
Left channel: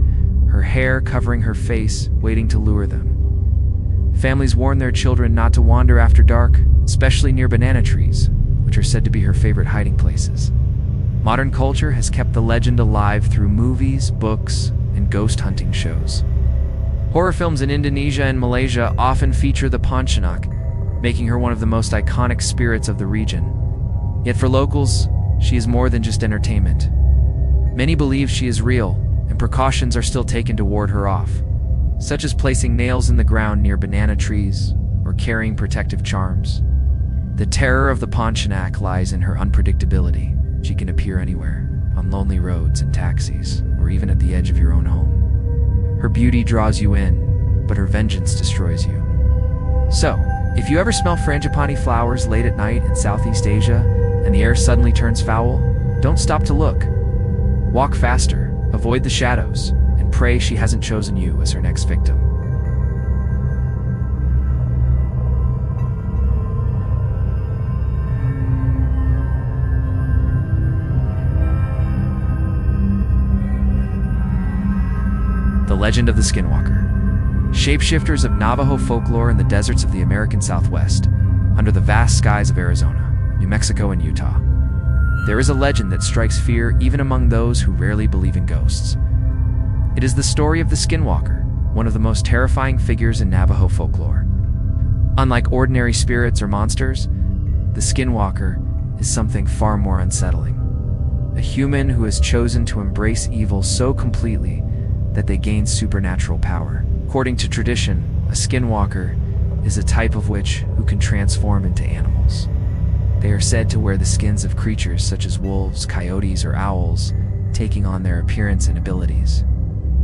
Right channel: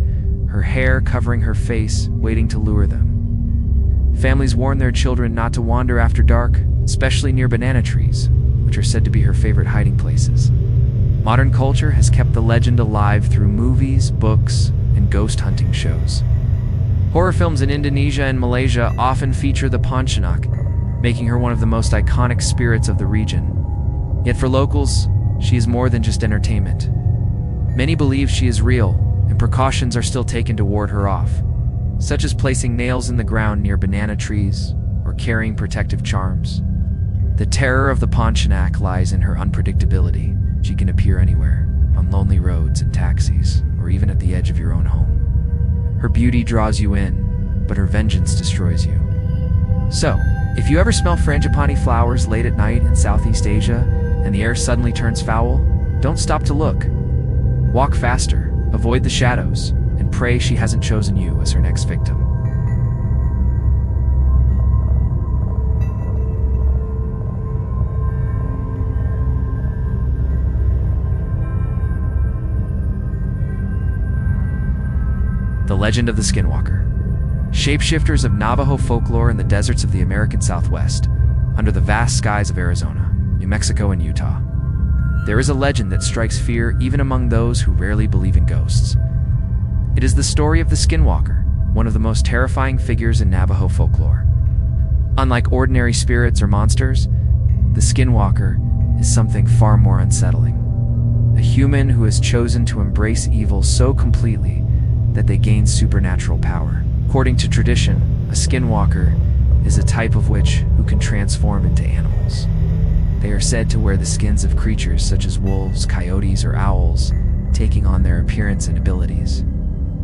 her hair covering her face, waiting to lure them. Families warn their children not to wander after dark, especially near banana trees, which are said to be her favorite hiding places. Modern culture has kept the legend alive through movies, books, and ghost hunting shows. Horror films in Indonesia and Malaysia often feature the Pontianak, making her one of the most iconic spirits of the region. Yet for locals, she is more than just entertainment. Many believe she is real, and precautions are still taken to ward her off, such as placing nails in the ground near banana trees or carrying protective charms. The terror of the Pontianak lies in her unpredictability. She can appear anywhere, on lonely roads, in taxis, or even at the edge of your own home. Her beauty draws you in, but her vengeance destroys you. So, if you ever smell frangipani flowers late at night in Southeast Asia, and the air suddenly turns foul, don't stop to look. Walk faster, avoid the shadows, and pray she hasn't chosen you as her next victim. The legend of the Skinwalker. Shapeshifters of Navajo folklore in the deserts of the American Southwest, under the vast skies of Arizona, New Mexico, and Utah. There is a legend that strikes fear even among those who rarely believe in ghosts. It is the story of the Skinwalker, one of the most terrifying figures in Navajo folklore. Unlike ordinary spirits or monsters, the skinwalker is something far more unsettling. A human who has chosen to embrace evil so completely that they gain supernatural power. According to tradition, a skinwalker is a type of witch who can transform into animals. They are said to wear the skins of creatures such as wolves, coyotes, or owls, taking on their appearance and abilities.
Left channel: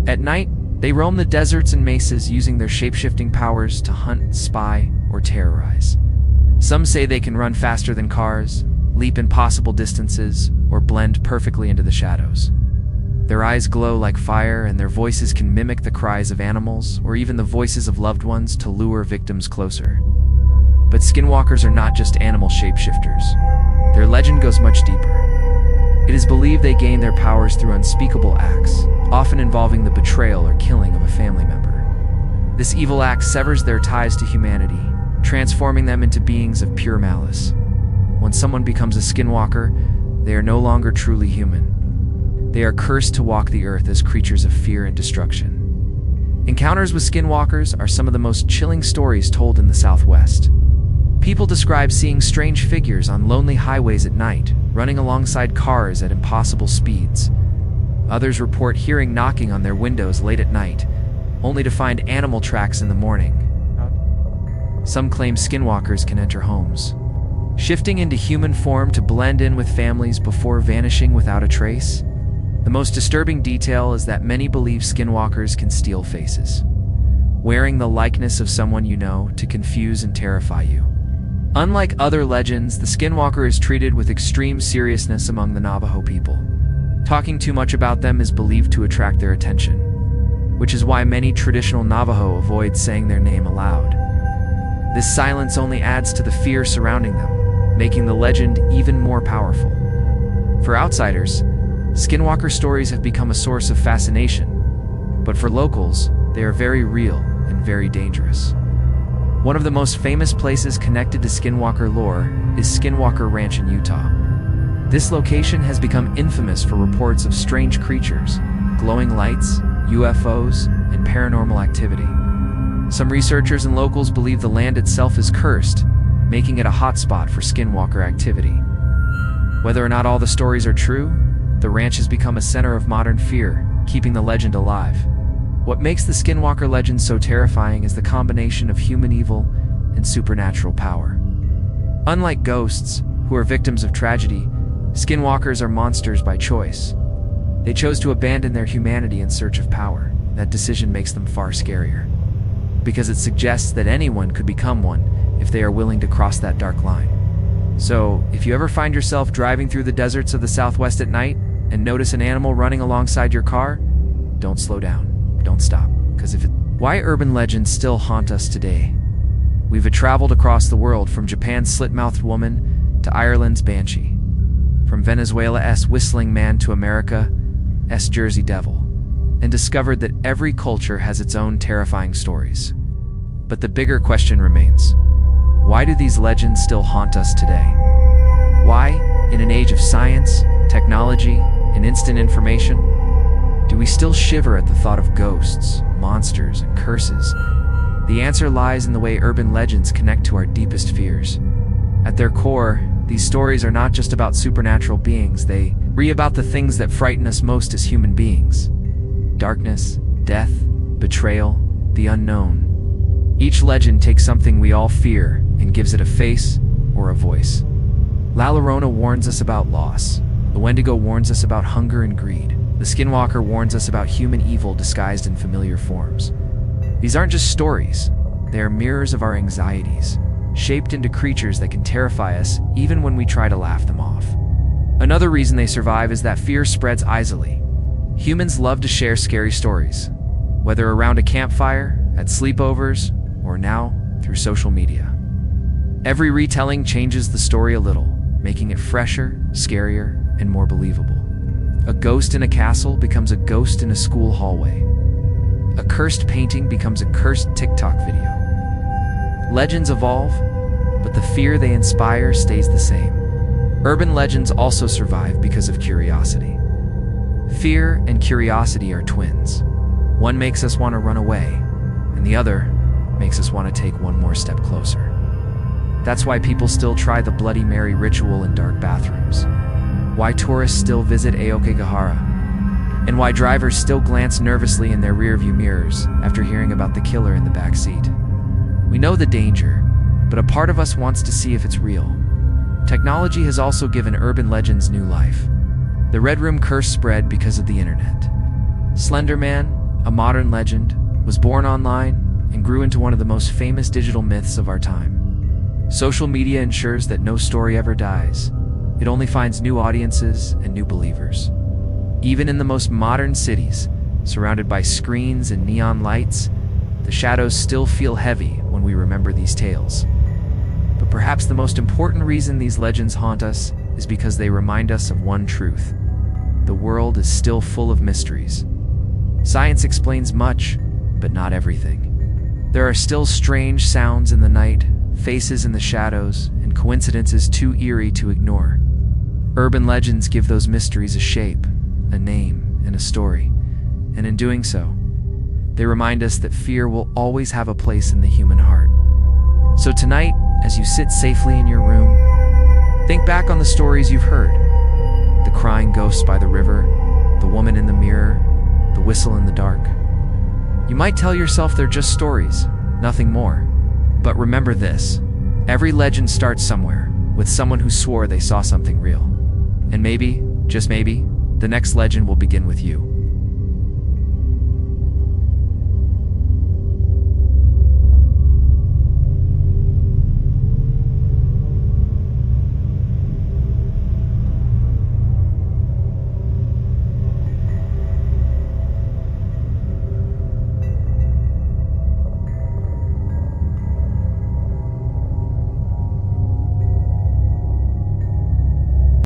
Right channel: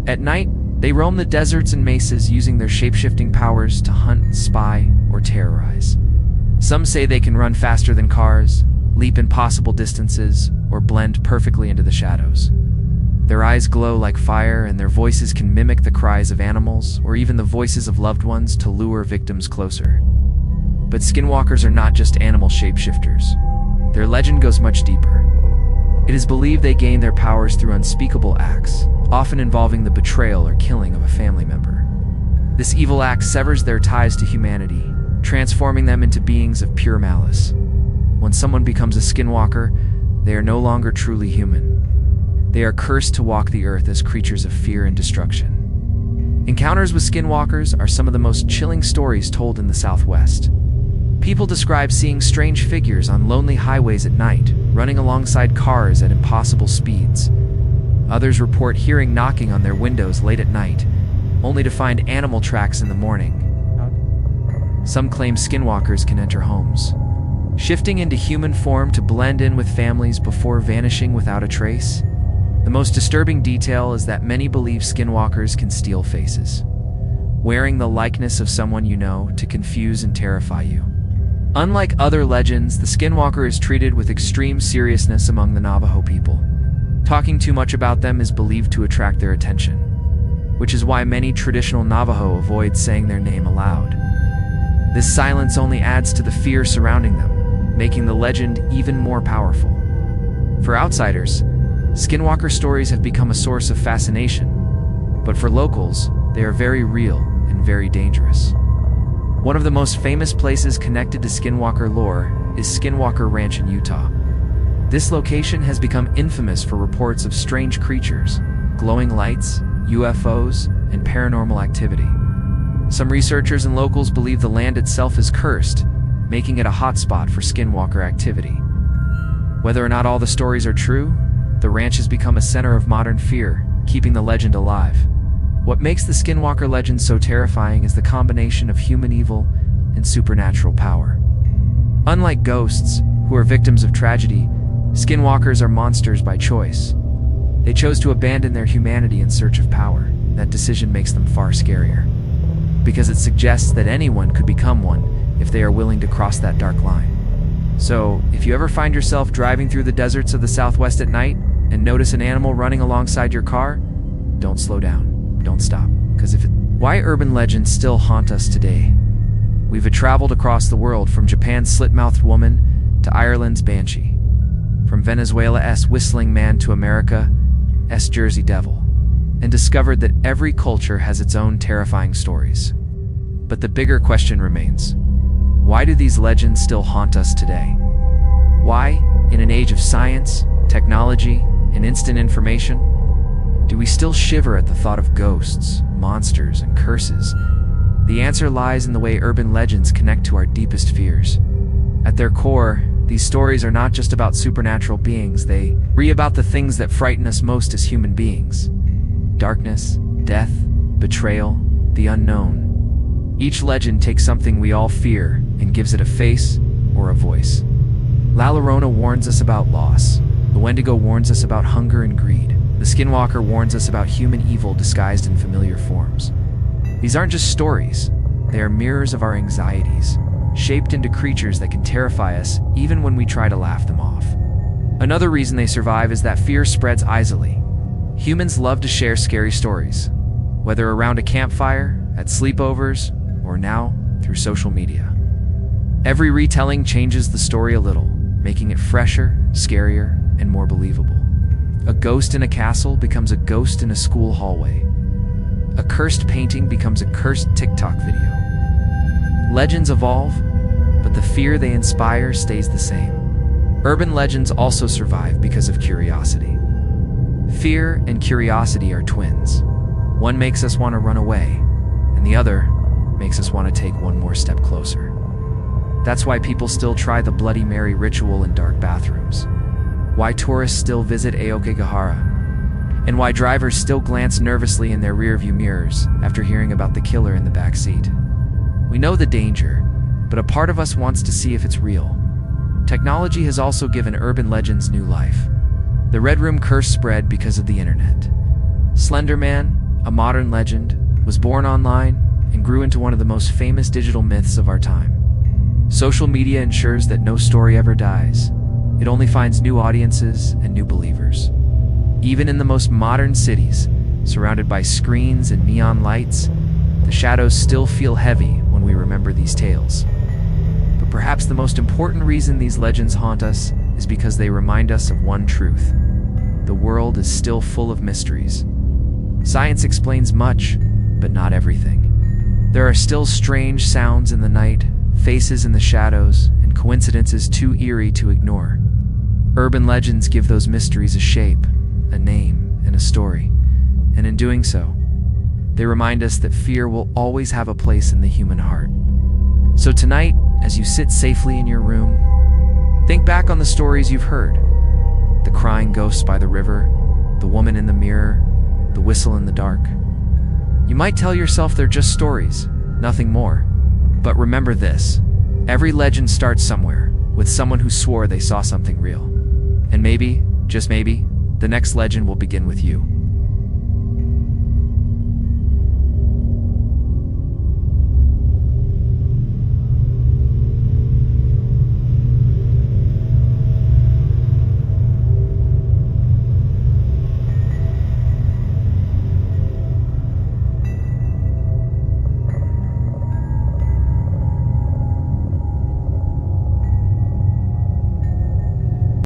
At night, they roam the deserts and mesas using their shape-shifting powers to hunt, spy, or terrorize. Some say they can run faster than cars, leap impossible distances, or blend perfectly into the shadows. Their eyes glow like fire, and their voices can mimic the cries of animals or even the voices of loved ones to lure victims closer. But skinwalkers are not just animal shapeshifters. Their legend goes much deeper. It is believed they gain their powers through unspeakable acts, often involving the betrayal or killing of a family member. This evil act severs their ties to humanity, transforming them into beings of pure malice. When someone becomes a skinwalker, they are no longer truly human. They are cursed to walk the earth as creatures of fear and destruction. Encounters with skinwalkers are some of the most chilling stories told in the Southwest. People describe seeing strange figures on lonely highways at night, running alongside cars at impossible speeds. Others report hearing knocking on their windows late at night, only to find animal tracks in the morning. Some claim skinwalkers can enter homes, shifting into human form to blend in with families before vanishing without a trace. The most disturbing detail is that many believe skinwalkers can steal faces, wearing the likeness of someone you know to confuse and terrify you. Unlike other legends, the skinwalker is treated with extreme seriousness among the Navajo people. Talking too much about them is believed to attract their attention, which is why many traditional Navajo avoid saying their name aloud. This silence only adds to the fear surrounding them, making the legend even more powerful. For outsiders, skinwalker stories have become a source of fascination, but for locals, they are very real and very dangerous. One of the most famous places connected to skinwalker lore is Skinwalker Ranch in Utah. This location has become infamous for reports of strange creatures, glowing lights, UFOs, and paranormal activity. Some researchers and locals believe the land itself is cursed, making it a hotspot for skinwalker activity. Whether or not all the stories are true, the ranch has become a center of modern fear, keeping the legend alive. What makes the skinwalker legend so terrifying is the combination of human evil and supernatural power. Unlike ghosts, who are victims of tragedy, skinwalkers are monsters by choice. They chose to abandon their humanity in search of power. That decision makes them far scarier, because it suggests that anyone could become one if they are willing to cross that dark line. So, if you ever find yourself driving through the deserts of the Southwest at night and notice an animal running alongside your car, don't slow down. Don't stop, because Why urban legends still haunt us today? We've traveled across the world, from Japan's Slit-Mouthed Woman to Ireland's Banshee, from Venezuela's Whistling Man to America's Jersey Devil, and discovered that every culture has its own terrifying stories. But the bigger question remains: why do these legends still haunt us today? Why, in an age of science, technology, and instant information, do we still shiver at the thought of ghosts, monsters, and curses? The answer lies in the way urban legends connect to our deepest fears. At their core, these stories are not just about supernatural beings, they are about the things that frighten us most as human beings. Darkness, death, betrayal, the unknown. Each legend takes something we all fear and gives it a face or a voice. La Llorona warns us about loss. The Wendigo warns us about hunger and greed. The Skinwalker warns us about human evil disguised in familiar forms. These aren't just stories, they are mirrors of our anxieties, shaped into creatures that can terrify us even when we try to laugh them off. Another reason they survive is that fear spreads easily. Humans love to share scary stories, whether around a campfire, at sleepovers, or now through social media. Every retelling changes the story a little, making it fresher, scarier, and more believable. A ghost in a castle becomes a ghost in a school hallway. A cursed painting becomes a cursed TikTok video. Legends evolve, but the fear they inspire stays the same. Urban legends also survive because of curiosity. Fear and curiosity are twins. One makes us want to run away, and the other makes us want to take one more step closer. That's why people still try the Bloody Mary ritual in dark bathrooms, why tourists still visit Aokigahara, and why drivers still glance nervously in their rearview mirrors after hearing about the killer in the back seat. We know the danger, but a part of us wants to see if it's real. Technology has also given urban legends new life. The Red Room curse spread because of the internet. Slender Man, a modern legend, was born online and grew into one of the most famous digital myths of our time. Social media ensures that no story ever dies. It only finds new audiences and new believers. Even in the most modern cities, surrounded by screens and neon lights, the shadows still feel heavy when we remember these tales. But perhaps the most important reason these legends haunt us is because they remind us of one truth. The world is still full of mysteries. Science explains much, but not everything. There are still strange sounds in the night, faces in the shadows, and coincidences too eerie to ignore. Urban legends give those mysteries a shape, a name, and a story, and in doing so, they remind us that fear will always have a place in the human heart. So tonight, as you sit safely in your room, think back on the stories you've heard. The crying ghosts by the river, the woman in the mirror, the whistle in the dark. You might tell yourself they're just stories, nothing more. But remember this, every legend starts somewhere, with someone who swore they saw something real. And maybe, just maybe, the next legend will begin with you.